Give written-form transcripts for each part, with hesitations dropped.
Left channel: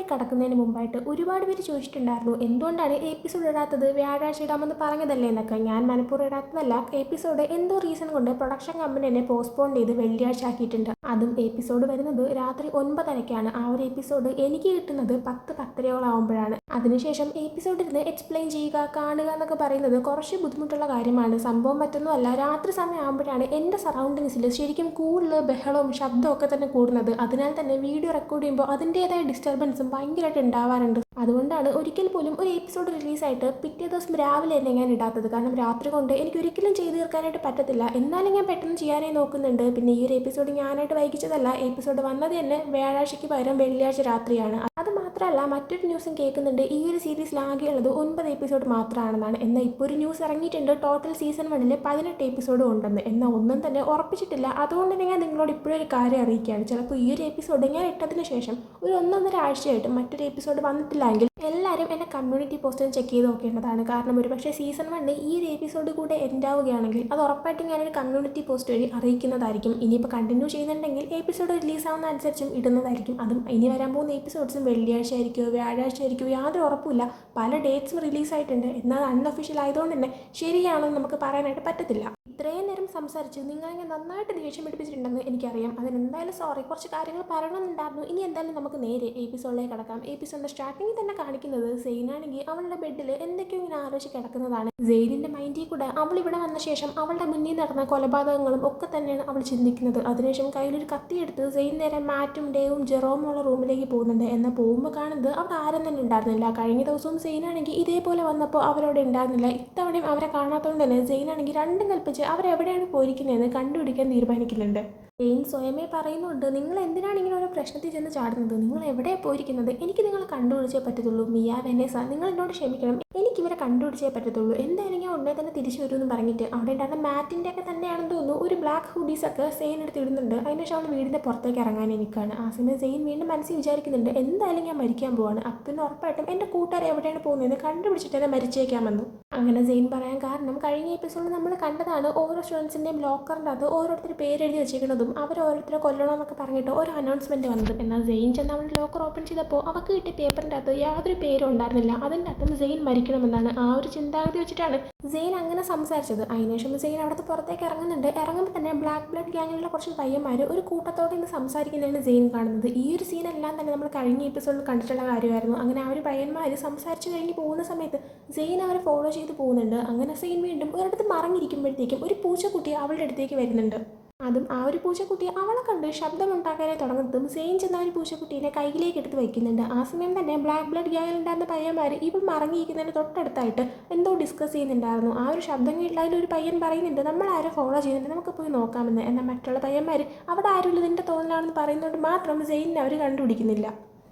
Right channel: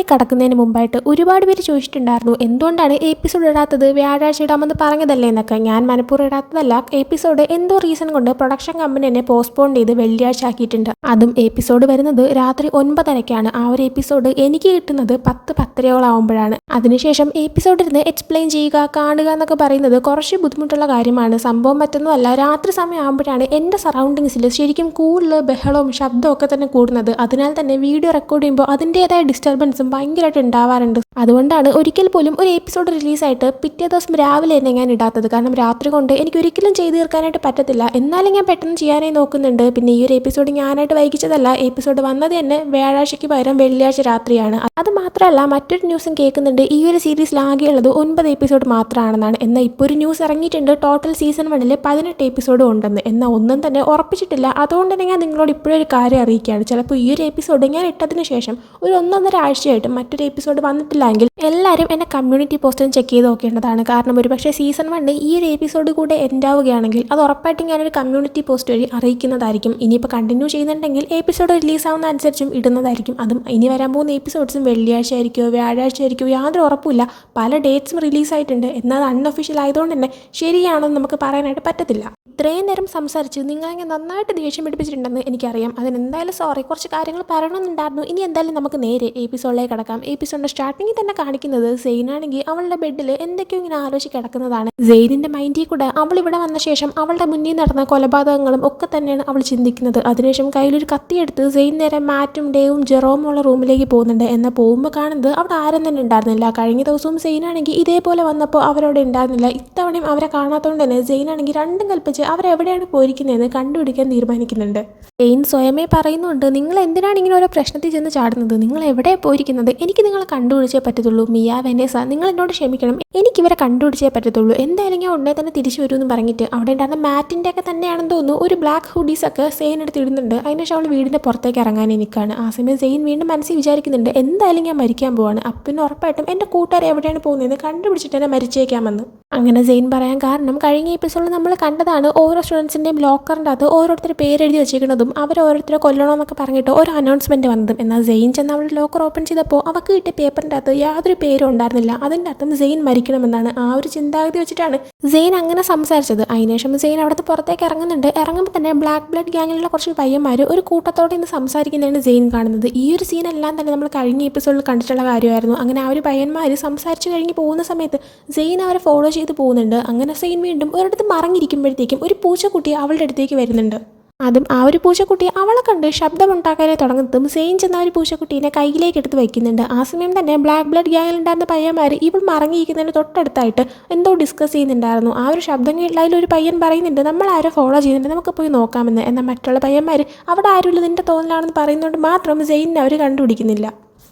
എപ്പിസോഡിലേക്ക് കടക്കുന്നതിന് മുമ്പായിട്ട് ഒരുപാട് പേര് ചോദിച്ചിട്ടുണ്ടായിരുന്നു എന്തുകൊണ്ടാണ് എപ്പിസോഡ് ഇടാത്തത്, വ്യാഴാഴ്ച ഇടാമെന്ന് പറഞ്ഞതല്ലേ എന്നൊക്കെ. ഞാൻ മനഃപൂർവ്വം ഇടാത്തതല്ല, എപ്പിസോഡ് എന്തോ റീസൺ കൊണ്ട് പ്രൊഡക്ഷൻ കമ്പനി എന്നെ പോസ്റ്റ്പോൺ ചെയ്ത് വെള്ളിയാഴ്ച ആക്കിയിട്ടുണ്ട്. അതും എപ്പിസോഡ് വരുന്നത് രാത്രി 9:30-ക്കാണ്. ആ ഒരു എപ്പിസോഡ് എനിക്ക് കിട്ടുന്നത് 10-10:30 അതിനുശേഷം എപ്പിസോഡ് ഇരുന്ന് എക്സ്പ്ലെയിൻ ചെയ്യുക, കാണുക എന്നൊക്കെ പറയുന്നത് കുറച്ച് ബുദ്ധിമുട്ടുള്ള കാര്യമാണ്. സംഭവം മറ്റൊന്നുമല്ല, രാത്രി സമയം ആകുമ്പോഴാണ് എൻ്റെ സറൗണ്ടിങ്സിൽ ശരിക്കും കൂടുതൽ ബഹളവും ശബ്ദവും ഒക്കെ തന്നെ കൂടുന്നത്. അതിനാൽ തന്നെ വീഡിയോ റെക്കോർഡ് ചെയ്യുമ്പോൾ അതിൻ്റെതായ ഡിസ്റ്റർബൻസും ഭയങ്കരമായിട്ട് ഉണ്ടാവാറുണ്ട്. അതുകൊണ്ടാണ് ഒരിക്കൽ പോലും ഒരു എപ്പിസോഡ് റിലീസായിട്ട് പിറ്റേ ദിവസം രാവിലെ തന്നെ ഞാൻ ഇടാത്തത്. കാരണം രാത്രി കൊണ്ട് എനിക്ക് ഒരിക്കലും ചെയ്തു തീർക്കാനായിട്ട് പറ്റത്തില്ല. എന്നാലും ഞാൻ പെട്ടെന്ന് ചെയ്യാനായി നോക്കുന്നുണ്ട്. പിന്നെ ഈ ഒരു എപ്പിസോഡ് ഞാനായിട്ട് വൈകിച്ചതല്ല, എപ്പിസോഡ് വന്നത് തന്നെ വ്യാഴാഴ്ചയ്ക്ക് പകരം വെള്ളിയാഴ്ച രാത്രിയാണ്. അത് മാത്രമല്ല, മറ്റൊരു ന്യൂസും കേൾക്കുന്നുണ്ട്, ഈ ഒരു സീരീസിൽ ആകെയുള്ളത് 9 എപ്പിസോഡ് മാത്രമാണെന്നാണ്. എന്നാൽ ഇപ്പോൾ ഒരു ന്യൂസ് ഇറങ്ങിയിട്ടുണ്ട്, ടോട്ടൽ സീസൺ 1 18 എപ്പിസോഡ് ഉണ്ടെന്ന്. എന്നാൽ ഒന്നും തന്നെ ഉറപ്പിച്ചിട്ടില്ല. അതുകൊണ്ട് തന്നെ ഞാൻ നിങ്ങളോട് ഇപ്പോഴൊരു കാര്യം അറിയിക്കുകയാണ്. ചിലപ്പോൾ ഈ ഒരു എപ്പിസോഡ് ഞാൻ ഇട്ടതിന് ശേഷം ഒരു 1-1.5 ആഴ്ചയായിട്ട് മറ്റൊരു എപ്പിസോഡ് വന്നിട്ടില്ലെങ്കിൽ എല്ലാവരും എന്നെ കമ്മ്യൂണിറ്റി പോസ്റ്റും ചെക്ക് ചെയ്ത് നോക്കേണ്ടതാണ്. കാരണം ഒരുപക്ഷെ സീസൺ 1 ഈ ഒരു എപ്പിസോഡ് കൂടെ എൻഡ് ആവുകയാണെങ്കിൽ അത് ഉറപ്പായിട്ടും ഞാനൊരു കമ്മ്യൂണിറ്റി പോസ്റ്റ് വഴി അറിയിക്കുന്നതായിരിക്കും. ഇനിയിപ്പോൾ കണ്ടിന്യൂ ചെയ്യുന്നുണ്ടെങ്കിൽ എപ്പിസോഡ് റിലീസാവുന്ന അനുസരിച്ചും ഇടുന്നതായിരിക്കും. അതും ഇനി വരാൻ പോകുന്ന എപ്പിസോഡ്സും വെള്ളിയാഴ്ച ആയിരിക്കുമോ വ്യാഴാഴ്ച ആയിരിക്കുമോ യാതൊരു ഉറപ്പില്ല. പല ഡേറ്റ്സും റിലീസായിട്ടുണ്ട്. എന്നാൽ അൺഒഫീഷ്യൽ ആയതുകൊണ്ട് തന്നെ ശരിയാണോ എന്ന് നമുക്ക് പറയാനായിട്ട് പറ്റത്തില്ല. ഇത്രയും നേരം സംസാരിച്ച് നിങ്ങളെങ്ങനെ നന്നായിട്ട് ദേഷ്യം പിടിപ്പിച്ചിട്ടുണ്ടെന്ന് എനിക്കറിയാം. അതിനെന്തായാലും സോറി. കുറച്ച് കാര്യങ്ങൾ പറയണമെന്നുണ്ടായിരുന്നു. ഇനി എന്തായാലും നമുക്ക് നേരെ എപ്പിസോഡിലേക്ക് കിടക്കാം. എപ്പിസോഡിൻ്റെ സ്റ്റാർട്ടിങ്ങിൽ തന്നെ കാണിക്കുന്നത് സെയിനാണെങ്കിൽ അവളുടെ ബെഡിൽ എന്തൊക്കെയോ ഇങ്ങനെ ആലോചിച്ച് കിടക്കുന്നതാണ്. സെയിനിൻ്റെ മൈൻഡിൽ കൂടെ അവൾ ഇവിടെ വന്ന ശേഷം അവളുടെ മുന്നിൽ നടന്ന കൊലപാതകങ്ങളും ഒക്കെ തന്നെയാണ് അവൾ ചിന്തിക്കുന്നത്. അതിനുശേഷം കയ്യിലൊരു കത്തിയെടുത്ത് സെയിൻ നേരെ മാറ്റും ഡേവും ജെറോമും ഉള്ള റൂമിലേക്ക് പോകുന്നുണ്ട്. എന്നാൽ പോകുമ്പോൾ കാണുന്നത് അവിടെ ആരും തന്നെ ഉണ്ടായിരുന്നില്ല. കഴിഞ്ഞ ദിവസവും സെയിനാണെങ്കിൽ ഇതേപോലെ വന്നപ്പോൾ അവരവിടെ ഉണ്ടായിരുന്നില്ല. ഇത്തവണയും അവരെ കാണാത്തതുകൊണ്ട് തന്നെ സെയിനാണെങ്കിൽ രണ്ടും കൽപ്പിച്ച് അവരെവിടെയാണ് പോയിരിക്കുന്നതെന്ന് കണ്ടുപിടിക്കാൻ തീരുമാനിക്കുന്നുണ്ട്. സെയിൻ സ്വയമേ പറയുന്നുണ്ട്, നിങ്ങൾ എന്തിനാണ് ഇങ്ങനെ ഓരോ പ്രശ്നത്തിൽ ചെന്ന് ചാടുന്നത്, നിങ്ങൾ എവിടെ പോയിരിക്കുന്നത്, എനിക്ക് നിങ്ങളെ കണ്ടുപിടിച്ചേ പറ്റത്തുള്ളൂ. മിയ വെനേസ, നിങ്ങൾ എന്നോട് ക്ഷമിക്കണം, എനിക്കിവരെ കണ്ടുപിടിച്ചേ പറ്റത്തുള്ളൂ. എന്തായാലും ഞാൻ ഉടനെ തന്നെ തിരിച്ചു വരുമെന്ന് പറഞ്ഞിട്ട് അവിടെ ഉണ്ടായിരുന്ന മാറ്റിൻ്റെ ഒക്കെ തന്നെയാണെന്ന് തോന്നുന്നു ഒരു ബ്ലാക്ക് ഹുഡീസൊക്കെ സെയിൻ എടുത്ത് ഇടുന്നുണ്ട്. അതിനുശേഷം അവൾ വീടിൻ്റെ പുറത്തേക്ക് ഇറങ്ങാനേ നിൽക്കുകയാണ്. ആ സമയം സെയിൻ വീണ്ടും മനസ്സിൽ വിചാരിക്കുന്നുണ്ട്, എന്തായാലും ഞാൻ മരിക്കാൻ പോവാണ്. അപ്പം ഉറപ്പായിട്ടും എൻ്റെ കൂട്ടുകാർ എവിടെയാണ് പോകുന്നതെന്ന് കണ്ടുപിടിച്ചിട്ട് തന്നെ മരിച്ചേക്കാമെന്ന്. അങ്ങനെ സെയിൻ പറയാൻ കാരണം കഴിഞ്ഞ എപ്പിസോഡിൽ നമ്മൾ കണ്ടതാണ്, ഓരോ സ്റ്റുഡൻസിൻ്റെയും ലോക്കറിൻ്റെ അകത്ത് ഓരോരുത്തർ പേരെഴുതി വെച്ചേക്കുന്നതും അവർ ഓരോരുത്തരെ കൊല്ലണമെന്നൊക്കെ പറഞ്ഞിട്ട് ഒരു അനൗൺസ്മെൻറ്റ് വന്നതും. എന്നാൽ സെയിൻ ചെന്ന് അവളുടെ ലോക്കർ ഓപ്പൺ ചെയ്തപ്പോൾ അവൾക്ക് കിട്ടിയ പേപ്പറിൻ്റെ അകത്ത് യാതൊരു പേരും ഉണ്ടായിരുന്നില്ല. അതിൻ്റെ അർത്ഥം സെയിൻ മരിക്കണമെന്നാണ്. ആ ഒരു ചിന്താഗതി വെച്ചിട്ടാണ് സെയിൻ അങ്ങനെ സംസാരിച്ചത്. അതിനുശേഷം സെയിൻ അവിടുത്തെ പുറത്തേക്ക് ഇറങ്ങുന്നുണ്ട്. ഇറങ്ങുമ്പോൾ തന്നെ ബ്ലാക്ക് ബ്ലഡ് ഗ്യാങ്ങിലുള്ള കുറച്ച് പയ്യന്മാർ ഒരു കൂട്ടത്തോടെ ഇന്ന് സംസാരിക്കുന്നതാണ് സെയിൻ കാണുന്നത്. ഈ ഒരു സീനെല്ലാം തന്നെ നമ്മൾ കഴിഞ്ഞ എപ്പിസോഡിൽ കണ്ടിട്ടുള്ള കാര്യമായിരുന്നു. അങ്ങനെ ആ ഒരു പയ്യന്മാർ സംസാരിച്ച് കഴിഞ്ഞ് പോകുന്ന സമയത്ത് സെയിൻ അവരെ ഫോളോ ചെയ്ത് പോകുന്നുണ്ട്. അങ്ങനെ സെയിൻ വീണ്ടും ഒരിടത്ത് മറങ്ങിയിരിക്കുമ്പോഴത്തേക്കും ഒരു പൂച്ചക്കുട്ടി അവളുടെ അടുത്തേക്ക് വരുന്നുണ്ട്. അതും ആ ഒരു പൂച്ചക്കുട്ടി അവളെ കണ്ട് ശബ്ദമുണ്ടാക്കാനേ തുടങ്ങുന്നതും സെയിൻ ചെന്ന ഒരു പൂച്ചക്കുട്ടീനെ കയ്യിലേക്ക് എടുത്ത് വയ്ക്കുന്നുണ്ട്. ആ സമയം തന്നെ ബ്ലാക്ക് ബ്ലഡ് ഗ്യാങ്ങിലുണ്ടായിരുന്ന പയ്യന്മാർ ഇവൾ മറങ്ങിയിരിക്കുന്നതിന് തൊട്ടടുത്തായിട്ട് എന്തോ ഡിസ്കസ് ചെയ്യുന്നുണ്ടായിരുന്നു. ആ ഒരു ശബ്ദം കേട്ടില്ല അതിലൊരു പയ്യൻ പറയുന്നുണ്ട്, നമ്മൾ ആരോ ഫോളോ ചെയ്യുന്നുണ്ട്, നമുക്ക് പോയി നോക്കാമെന്ന്. എന്നാൽ മറ്റുള്ള പയ്യന്മാർ അവിടെ ആരുമില്ല, നിൻ്റെ തോന്നലാണെന്ന് പറയുന്നതുകൊണ്ട് മാത്രം സെയിനിനെ അവർ കണ്ടുപിടിക്കുന്നില്ല.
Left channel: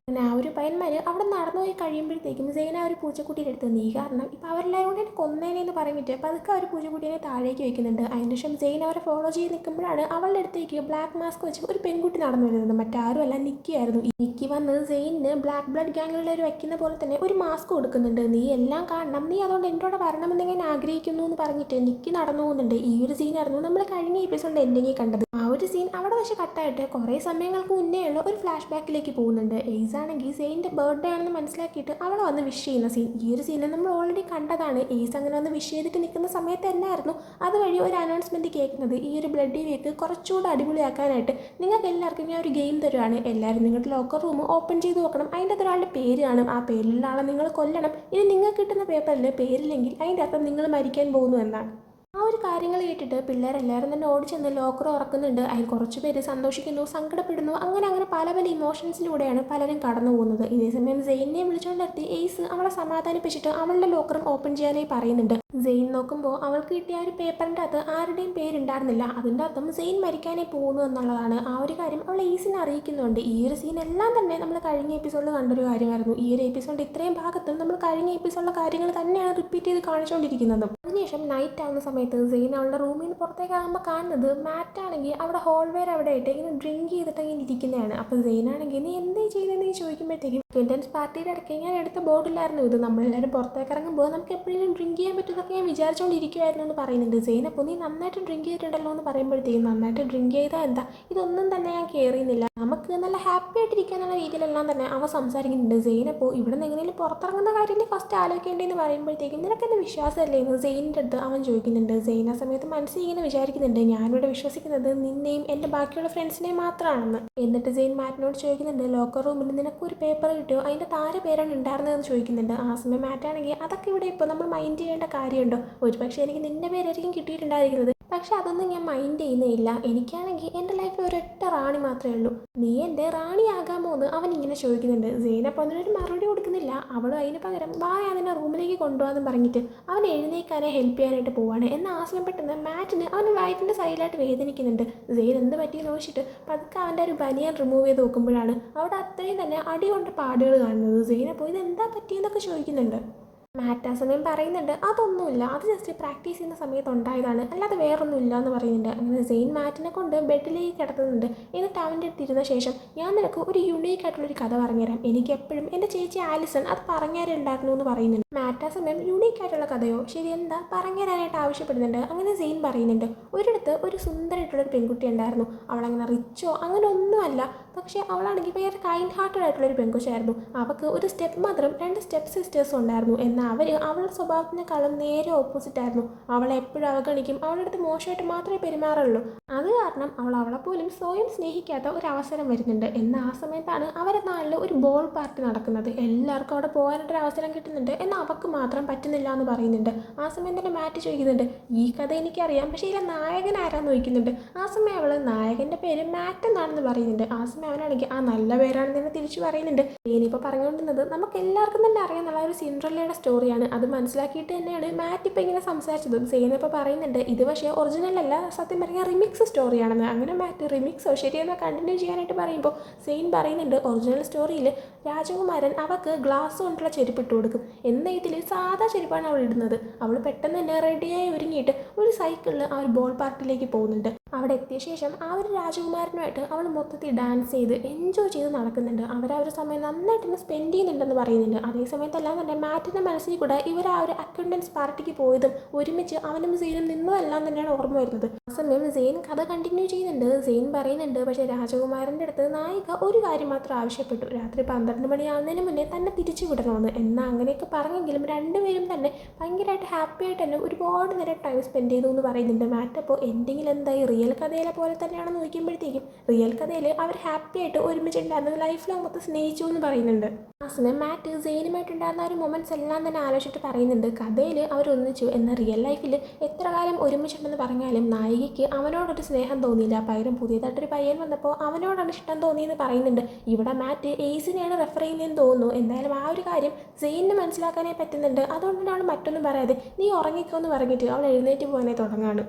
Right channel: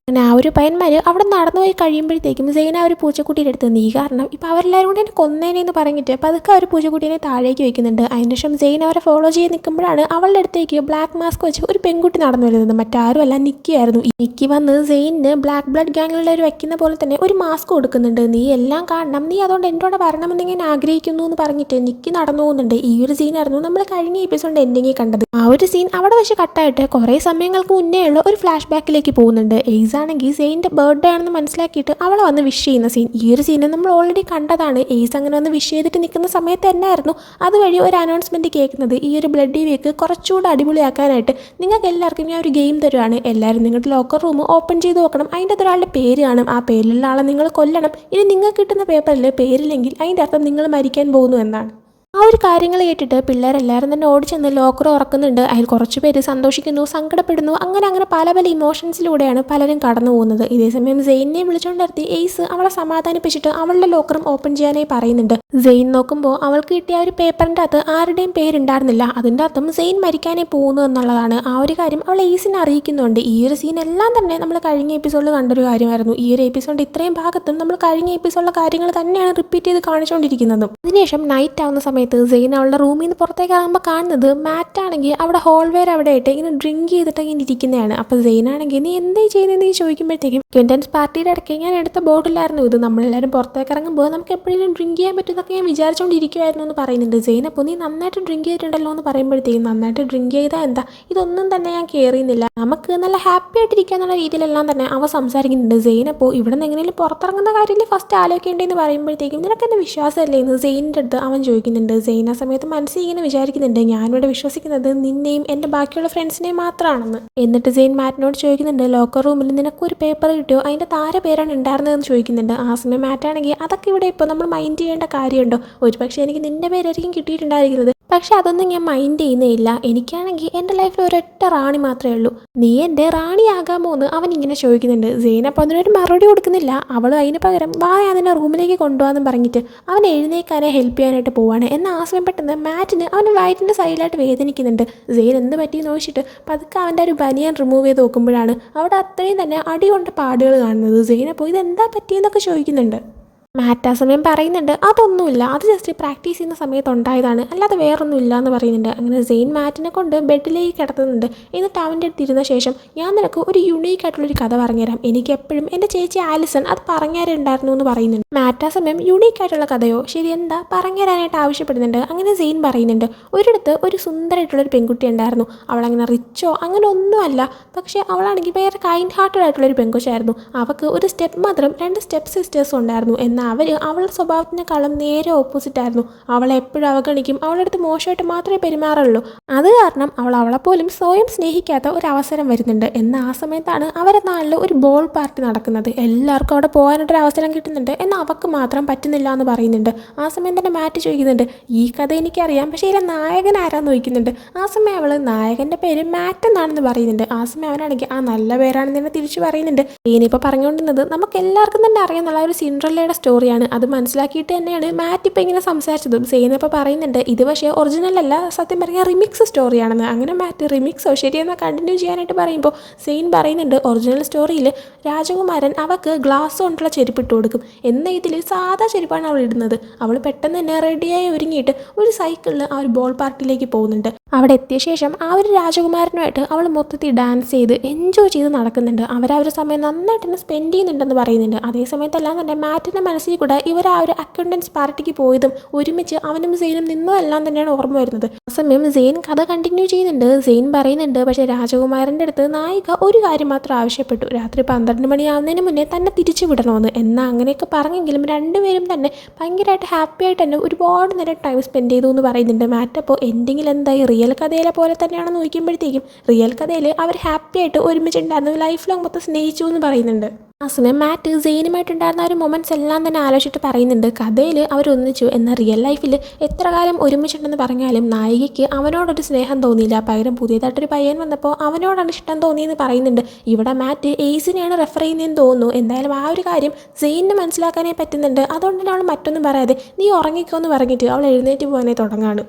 അങ്ങനെ ആ ഒരു പയ്യന്മാർ അവിടെ നടന്നു പോയി കഴിയുമ്പോഴത്തേക്കും സെയിൻ ആ ഒരു പൂച്ചക്കുട്ടിയുടെ അടുത്ത്, നീ കാരണം ഇപ്പോൾ അവരെല്ലാവരും കൂടി എന്നെ കൊന്നേനെന്ന് പറഞ്ഞിട്ട് പതുക്കെ ആ ഒരു പൂച്ചക്കുട്ടീനെ താഴേക്ക് വയ്ക്കുന്നുണ്ട്. അതിനുശേഷം സെയിൻ അവരെ ഫോളോ ചെയ്ത് നിൽക്കുമ്പോഴാണ് അവളുടെ അടുത്തേക്ക് ബ്ലാക്ക് മാസ്ക് വെച്ച് ഒരു പെൺകുട്ടി നടന്നു വരുന്നത്. മറ്റാരും അല്ല, നിക്കി ആയിരുന്നു. നിക്കി വന്ന് സെയിനിന് ബ്ലാക്ക് ബ്ലഡ് ഗ്യാങ്ങിലുള്ളവർ വയ്ക്കുന്ന പോലെ തന്നെ ഒരു മാസ്ക് കൊടുക്കുന്നുണ്ട്. നീ എല്ലാം കാണണം, നീ അതുകൊണ്ട് എൻ്റെ കൂടെ വരണമെന്ന് ഞാൻ ആഗ്രഹിക്കുന്നു എന്ന് പറഞ്ഞിട്ട് നിക്കി നടന്നു പോകുന്നുണ്ട്. ഈ ഒരു സീനായിരുന്നു നമ്മൾ കഴിഞ്ഞ എപ്പിസോഡിൻ്റെ എൻഡിങ്ങിൽ കണ്ടത്. ആ ഒരു സീൻ അവിടെ വെച്ച് കട്ടായിട്ട് കുറേ സമയങ്ങൾക്ക് മുന്നേ ഉള്ള ഒരു ഫ്ലാഷ് ബാക്കിലേക്ക് പോകുന്നുണ്ട്. എയ്സ് ആണെങ്കിൽ സെയിൻ്റെ ബർത്ത്ഡേ ആണെന്ന് മനസ്സിലാക്കിയിട്ട് അവളെ വന്ന് വിഷ് ചെയ്യുന്ന സീൻ. ഈ ഒരു സീന് നമ്മൾ ഓൾറെഡി കണ്ടതാണ്. എയ്സ് അങ്ങനെ വന്ന് വിഷ് ചെയ്തിട്ട് നിൽക്കുന്ന സമയത്ത് തന്നെയായിരുന്നു അതുവഴി ഒരു അനൗൺസ്മെൻറ്റ് കേൾക്കുന്നത്. ഈ ഒരു ബ്ലഡി വീക്ക് കുറച്ചുകൂടെ അടിപൊളിയാക്കാനായിട്ട് നിങ്ങൾക്ക് എല്ലാവർക്കും ഞാൻ ഒരു ഗെയിം തരുവാണ്. എല്ലാവരും നിങ്ങളുടെ ലോക്കർ റൂം ഓപ്പൺ ചെയ്ത് നോക്കണം. അതിൻ്റെ അകത്ത് ഒരാളുടെ പേര് കാണും. ആ പേരിലുള്ള ആളെ നിങ്ങൾ കൊല്ലണം. ഇനി നിങ്ങൾക്ക് കിട്ടുന്ന പേപ്പറിൽ പേരില്ലെങ്കിൽ അതിൻ്റെ അർത്ഥം നിങ്ങൾ മരിക്കാൻ പോകുന്നു എന്നാണ്. ആ ഒരു കാര്യങ്ങൾ കേട്ടിട്ട് പിള്ളേരെല്ലാവരും തന്നെ ഓടിച്ചെന്ന് ലോക്കർ ഉറക്കുന്നുണ്ട്. അതിൽ കുറച്ച് പേര് സന്തോഷിക്കുന്നു, സങ്കടപ്പെടുന്നു. അങ്ങനെ പല പല ഇമോഷൻസിലൂടെയാണ് പലരും കടന്നു പോകുന്നത്. ഇതേസമയം സെയിനെ വിളിച്ചുകൊണ്ട് നിർത്തി എയ്സ് അവളെ സമാധാനിപ്പിച്ചിട്ട് അവളുടെ ലോക്കറും ഓപ്പൺ ചെയ്യാനായി പറയുന്നുണ്ട്. സെയിൻ നോക്കുമ്പോൾ അവൾക്ക് കിട്ടിയ ഒരു പേപ്പറിൻ്റെ അകത്ത് ആരുടെയും പേരുണ്ടായിരുന്നില്ല. അതിൻ്റെ അർത്ഥം സെയിൻ മരിക്കാനായി പോകുന്നു എന്നുള്ളതാണ്. ആ ഒരു കാര്യം അവൾ എയ്സിനെ അറിയിക്കുന്നുണ്ട്. ഈ ഒരു സീൻ എല്ലാം തന്നെ നമ്മൾ കഴിഞ്ഞ എപ്പിസോഡിൽ കണ്ടൊരു കാര്യമായിരുന്നു. ഈ ഒരു എപ്പിസോഡ് ഇത്രയും ഭാഗത്തും നമ്മൾ കഴിഞ്ഞ എപ്പിസോഡിലെ കാര്യങ്ങൾ തന്നെയാണ് റിപ്പീറ്റ് ചെയ്ത് കാണിച്ചുകൊണ്ടിരിക്കുന്നത്. അതിനുശേഷം നൈറ്റ് ആവുന്ന സമയത്ത് സമയത്ത് സെയിൻ അവളുടെ റൂമിൽ നിന്ന് പുറത്തേക്ക് ഇറങ്ങുമ്പോൾ കാണുന്നത് മാറ്റാണെങ്കിൽ അവിടെ ഹോൾവെയർ അവിടെ ആയിട്ട് ഇങ്ങനെ ഡ്രിങ്ക് ചെയ്തിട്ട് ഇങ്ങനെ ഇരിക്കുന്നതാണ്. അപ്പോൾ സെയിനാണെങ്കിൽ നീ എന്തേ ചെയ്യുന്നതെന്ന് ചോദിക്കുമ്പോഴത്തേക്കും ക്വിൻറ്റൻസ് പാർട്ടിയുടെ ഇടയ്ക്ക് ഞാൻ എടുത്ത ബോട്ടിലായിരുന്നു ഇത്, നമ്മളെല്ലാവരും പുറത്തേക്ക് ഇറങ്ങുമ്പോൾ നമുക്ക് എപ്പോഴും ഡ്രിങ്ക് ചെയ്യാൻ പറ്റുന്നതൊക്കെ ഞാൻ വിചാരിച്ചുകൊണ്ടിരിക്കുമായിരുന്നു എന്ന് പറയുന്നുണ്ട്. സെയിൻ അപ്പോൾ നീ നന്നായിട്ട് ഡ്രിങ്ക് ചെയ്തിട്ടുണ്ടല്ലോ എന്ന് പറയുമ്പോഴത്തേക്കും നന്നായിട്ട് ഡ്രിങ്ക് ചെയ്താൽ എന്താ, ഇതൊന്നും തന്നെ ഞാൻ കെയർ ചെയ്യുന്നില്ല, നമുക്ക് നല്ല ഹാപ്പി ആയിട്ടിരിക്കുക എന്നുള്ള രീതിയിലെല്ലാം തന്നെ അവ സംസാരിക്കുന്നുണ്ട്. സെയിൻ അപ്പോൾ ഇവിടെ നിന്ന് എങ്ങനെയും പുറത്തിറങ്ങുന്ന കാര്യത്തിൽ ഫസ്റ്റ് ആലോചിക്കേണ്ടതെന്ന് പറയുമ്പോഴത്തേക്കും നിനക്കെന്നെ വിശ്വാസമല്ലേ എന്ന് സെയിനിൻ്റെ അടുത്ത് അവൻ ചോദിക്കുന്നുണ്ട്. സെയിൻ ആ സമയത്ത് മനസ്സിൽ ഇങ്ങനെ വിചാരിക്കുന്നുണ്ട്, ഞാനിവിടെ വിശ്വസിക്കുന്നത് നിന്നെയും എൻ്റെ ബാക്കിയുള്ള ഫ്രണ്ട്സിനെയും മാത്രമാണെന്ന്. എന്നിട്ട് സെയിൻ മാറ്റിനോട് ചോദിക്കുന്നുണ്ട്, ലോക്കർ റൂമിൽ നിനക്കൊരു പേപ്പർ കിട്ടിയോ, അതിൻ്റെ താരെ പേരാണ് ഉണ്ടായിരുന്നതെന്ന് ചോദിക്കുന്നുണ്ട്. ആ സമയം മാറ്റാണെങ്കിൽ അതൊക്കെ ഇവിടെ ഇപ്പോൾ നമ്മൾ മൈൻഡ് ചെയ്യേണ്ട കാര്യമുണ്ടോ, ഒരുപക്ഷെ എനിക്ക് നിൻ്റെ പേരായിരിക്കും കിട്ടിയിട്ടുണ്ടായിരിക്കുന്നത്, പക്ഷെ അതൊന്നും ഞാൻ മൈൻഡ് ചെയ്യുന്നേയില്ല, എനിക്കാണെങ്കിൽ എൻ്റെ ലൈഫിൽ ഒരൊറ്റ റാണി മാത്രമേ ഉള്ളൂ, നീ എൻ്റെ റാണിയാകാമോ എന്ന് അവൻ ഇങ്ങനെ ചോദിക്കുന്നുണ്ട്. സെയിൻ അപ്പോൾ അതിനൊരു മറുപടി കൊടുക്കുന്നില്ല. അവൾ അതിന് പകരം വാ അതിനെ റൂമിലേക്ക് കൊണ്ടുപോകാമെന്ന് പറഞ്ഞിട്ട് അവൻ എഴുന്നേക്കാനെ ഹെൽപ്പ് ചെയ്യാനായിട്ട് പോവാണ്. എന്നാൽ ആ സമയം പെട്ടെന്ന് മാറ്റിന് അവൻ്റെ വയറ്റിൻ്റെ സൈഡിലായിട്ട് വേദനിക്കുന്നുണ്ട്. സെയിൻ എന്ത് പറ്റിയെന്ന് ചോദിച്ചിട്ട് പതുക്കെ അവൻ്റെ ഒരു ബനിയൻ റിമൂവ് ചെയ്ത് നോക്കുമ്പോഴാണ് അവിടെ അത്രയും തന്നെ അടി കൊണ്ട് പാടുകൾ കാണുന്നത്. സെയിൻ അപ്പോൾ ഇതെന്താ പറ്റിയെന്നൊക്കെ ചോദിക്കുന്നുണ്ട്. മാറ്റ് ആ സമയം പറയുന്നുണ്ട് അതൊന്നുമില്ല, അത് ജസ്റ്റ് പ്രാക്ടീസ് ചെയ്യുന്ന സമയത്ത് ഉണ്ടായതാണ്, അല്ലാതെ വേറൊന്നും ഇല്ല എന്ന് പറയുന്നുണ്ട്. അങ്ങനെ സെയിൻ മാറ്റിനെ കൊണ്ട് ബെഡിലേക്ക് കിടത്തുന്നുണ്ട്. എന്നിട്ട് അവൻ്റെ അടുത്ത് ഇരുന്ന ശേഷം ഞാൻ നിനക്ക് ഒരു യുണീക്ക് ആയിട്ടുള്ളൊരു കഥ പറഞ്ഞുതരാം, എനിക്ക് എപ്പോഴും എൻ്റെ ചേച്ചി ആലിസൺ അത് പറഞ്ഞുതരുന്നുണ്ടായിരുന്നു എന്ന് പറയുന്നുണ്ട്. മാറ്റ് ആ സമയം യുണീക്ക് ആയിട്ടുള്ള കഥയോ, ശരി എന്താ പറഞ്ഞുതരാനായിട്ട് ആവശ്യപ്പെടുന്നുണ്ട്. അങ്ങനെ സെയിൻ പറയുന്നുണ്ട്, ഒരിടത്ത് ഒരു സുന്ദരമായിട്ടുള്ളൊരു പെൺകുട്ടി ഉണ്ടായിരുന്നു, അവളങ്ങനെ റിച്ചോ അങ്ങനെ ഒന്നുമല്ല, പക്ഷേ അവളാണെങ്കിൽ വേറെ കൈൻഡ് ഹാർട്ടഡ് ആയിട്ടുള്ളൊരു പെൺകുച്ചായിരുന്നു. അവൾക്ക് ഒരു സ്റ്റെപ്പ് മദറും 2 സ്റ്റെപ്പ് സിസ്റ്റേഴ്സും ഉണ്ടായിരുന്നു. എന്നാൽ അവളുടെ സ്വഭാവത്തിനേക്കാളും നേരെ ഓപ്പോസിറ്റ് ആയിരുന്നു. അവളെ എപ്പോഴും അവഗണിക്കും, അവളുടെ അടുത്ത് മോശമായിട്ട് മാത്രമേ പെരുമാറുള്ളൂ. അത് കാരണം അവളെപ്പോലും സ്വയം സ്നേഹിക്കാത്ത ഒരു അവസരം വരുന്നുണ്ട്. എന്നാൽ ആ സമയത്താണ് അവരുടെ നാട്ടിൽ ഒരു ബോൾ പാർട്ടി നടക്കുന്നത്, എല്ലാവർക്കും അവിടെ പോകാനായിട്ടൊരു അവസരം കിട്ടുന്നുണ്ട്, എന്നാൽ അവൾക്ക് മാത്രം പറ്റുന്നില്ല എന്ന് പറയുന്നുണ്ട്. ആ സമയം തന്നെ മാറ്റ് ചോദിക്കുന്നുണ്ട്, ഈ കഥ എനിക്കറിയാം, പക്ഷേ ഇതിലെ നായകൻ ആരാന്ന് ചോദിക്കുന്നുണ്ട്. ആ സമയം അവൾ നായകൻ്റെ പേര് മാറ്റ് എന്നാണെന്ന് പറയുന്നുണ്ട്. ആ സമയം അവനാണെങ്കിൽ ആ നല്ല പേരാണെന്ന് തന്നെ തിരിച്ചു പറയുന്നുണ്ട്. ഇനിയിപ്പോൾ പറഞ്ഞുകൊണ്ടിരുന്നത് നമുക്ക് എല്ലാവർക്കും തന്നെ അറിയാമെന്നുള്ള ഒരു സിൻഡ്രല്ലയുടെ സ്റ്റോറിയാണ്. അത് മനസ്സിലാക്കിയിട്ട് തന്നെയാണ് മാറ്റ് ഇപ്പോൾ ഇങ്ങനെ സംസാരിച്ചതും. സെയിൻ ഇപ്പോൾ പറയുന്നുണ്ട് ഇത് പക്ഷേ ഒറിജിനൽ അല്ല, സത്യം പറഞ്ഞാൽ റിമിക്സ് സ്റ്റോറിയാണെന്ന്. അങ്ങനെ മാറ്റ് റിമിക്സോ ശരിയെന്ന് കണ്ടിന്യൂ ചെയ്യാനായിട്ട് പറയുമ്പോൾ സെയിൻ പറയുന്നുണ്ട് ഒറിജിനൽ സ്റ്റോറിയിൽ രാജകുമാരൻ അവൾക്ക് ഗ്ലാസ് കൊണ്ടുള്ള ചെരുപ്പിട്ട് കൊടുക്കും, എന്ന ഇതിൽ സാധാ ചെരുപ്പാണ് അവൾ ഇടുന്നത്. അവൾ പെട്ടെന്ന് തന്നെ റെഡിയായി ഒരുങ്ങിയിട്ട് ഒരു സൈക്കിളിൽ ആ ഒരു ബോൾ പാർട്ടിയിലേക്ക് പോകുന്നുണ്ട്. അവിടെ എത്തിയ ശേഷം ആ ഒരു രാജകുമാരനുമായിട്ട് അവൾ മൊത്തത്തിൽ ഡാൻസ് ചെയ്ത് എൻജോയ് ചെയ്ത് നടക്കുന്നുണ്ട്. അവരവരുടെ സമയം നന്നായിട്ട് തന്നെ സ്പെൻഡ് ചെയ്യുന്നുണ്ടെന്ന് പറയുന്നുണ്ട്. അതേ സമയത്തെല്ലാം തന്നെ മാറ്റിൻ്റെ മനസ്സിൽ കൂടെ ഇവർ ആ ഒരു അക്കൗണ്ടൻസ് പാർട്ടിക്ക് പോയതും ഒരുമിച്ച് അവനും സെയിനും നിന്നതെല്ലാം തന്നെയാണ് ഓർമ്മ വരുന്നത്. ആ സമയം സെയിൻ കഥ കണ്ടിന്യൂ ചെയ്യുന്നുണ്ട്. സെയിൻ പറയുന്നുണ്ട് പക്ഷേ രാജകുമാരൻ്റെ അടുത്ത് നായിക ഒരു കാര്യം മാത്രം ആവശ്യപ്പെട്ടു, രാത്രി 12 മണിയാവുന്നതിന് മുന്നേ തന്നെ തിരിച്ചു വിടണമെന്ന്. എന്നാൽ അങ്ങനെയൊക്കെ പറഞ്ഞെങ്കിലും രണ്ടുപേരും തന്നെ ഭയങ്കരമായിട്ട് ഹാപ്പി ആയിട്ട് തന്നെ ഒരുപാട് നേരം ടൈം സ്പെൻഡ് ചെയ്തു എന്ന് പറയുന്നുണ്ട്. മാറ്റ് അപ്പോൾ എൻഡിങ്ങിൽ എന്തായി റിയൽ കഥയിലെ പോലെ തന്നെയാണെന്ന് നോക്കുമ്പോഴത്തേക്കും റിയൽ കഥയിൽ അവർ ഹാപ്പി ആയിട്ട് ഒരുമിച്ചുണ്ടായിരുന്നു, ലൈഫ് ലോങ് മൊത്തം സ്നേഹിച്ചു എന്ന് പറയുന്നുണ്ട്. ആ സമയം മാറ്റ് സെയിനുമായിട്ടുണ്ടായിരുന്ന ഒരു മൊമെൻറ്റ്സ് എല്ലാം തന്നെ ആലോചിച്ചിട്ട് പറയുന്നുണ്ട് കഥയിൽ അവരൊന്നിച്ചു, എന്നാൽ റിയൽ ലൈഫിൽ എത്ര കാലം ഒരുമിച്ചുണ്ടെന്ന് പറഞ്ഞാലും നായികയ്ക്ക് അവനോടൊരു സ്നേഹം തോന്നിയില്ല, പകരം പുതിയതായിട്ടൊരു പയ്യൻ വന്നപ്പോൾ അവനോടാണ് ഇഷ്ടം തോന്നിയെന്ന് പറയുന്നുണ്ട്. ഇവിടെ മാറ്റ് എയ്സിനെയാണ് റെഫർ ചെയ്യുന്നതെന്ന് തോന്നുന്നു. എന്തായാലും ആ ഒരു കാര്യം സെയിനിന് മനസ്സിലാക്കാനേ പറ്റുന്നുണ്ട്. അതുകൊണ്ട് തന്നെ അവൾ മറ്റൊന്നും പറയാതെ നീ ഉറങ്ങിക്കോ എന്ന് പറഞ്ഞിട്ട് അവൾ എഴുന്നേറ്റ് പോകാനേ തുടങ്ങാണ്.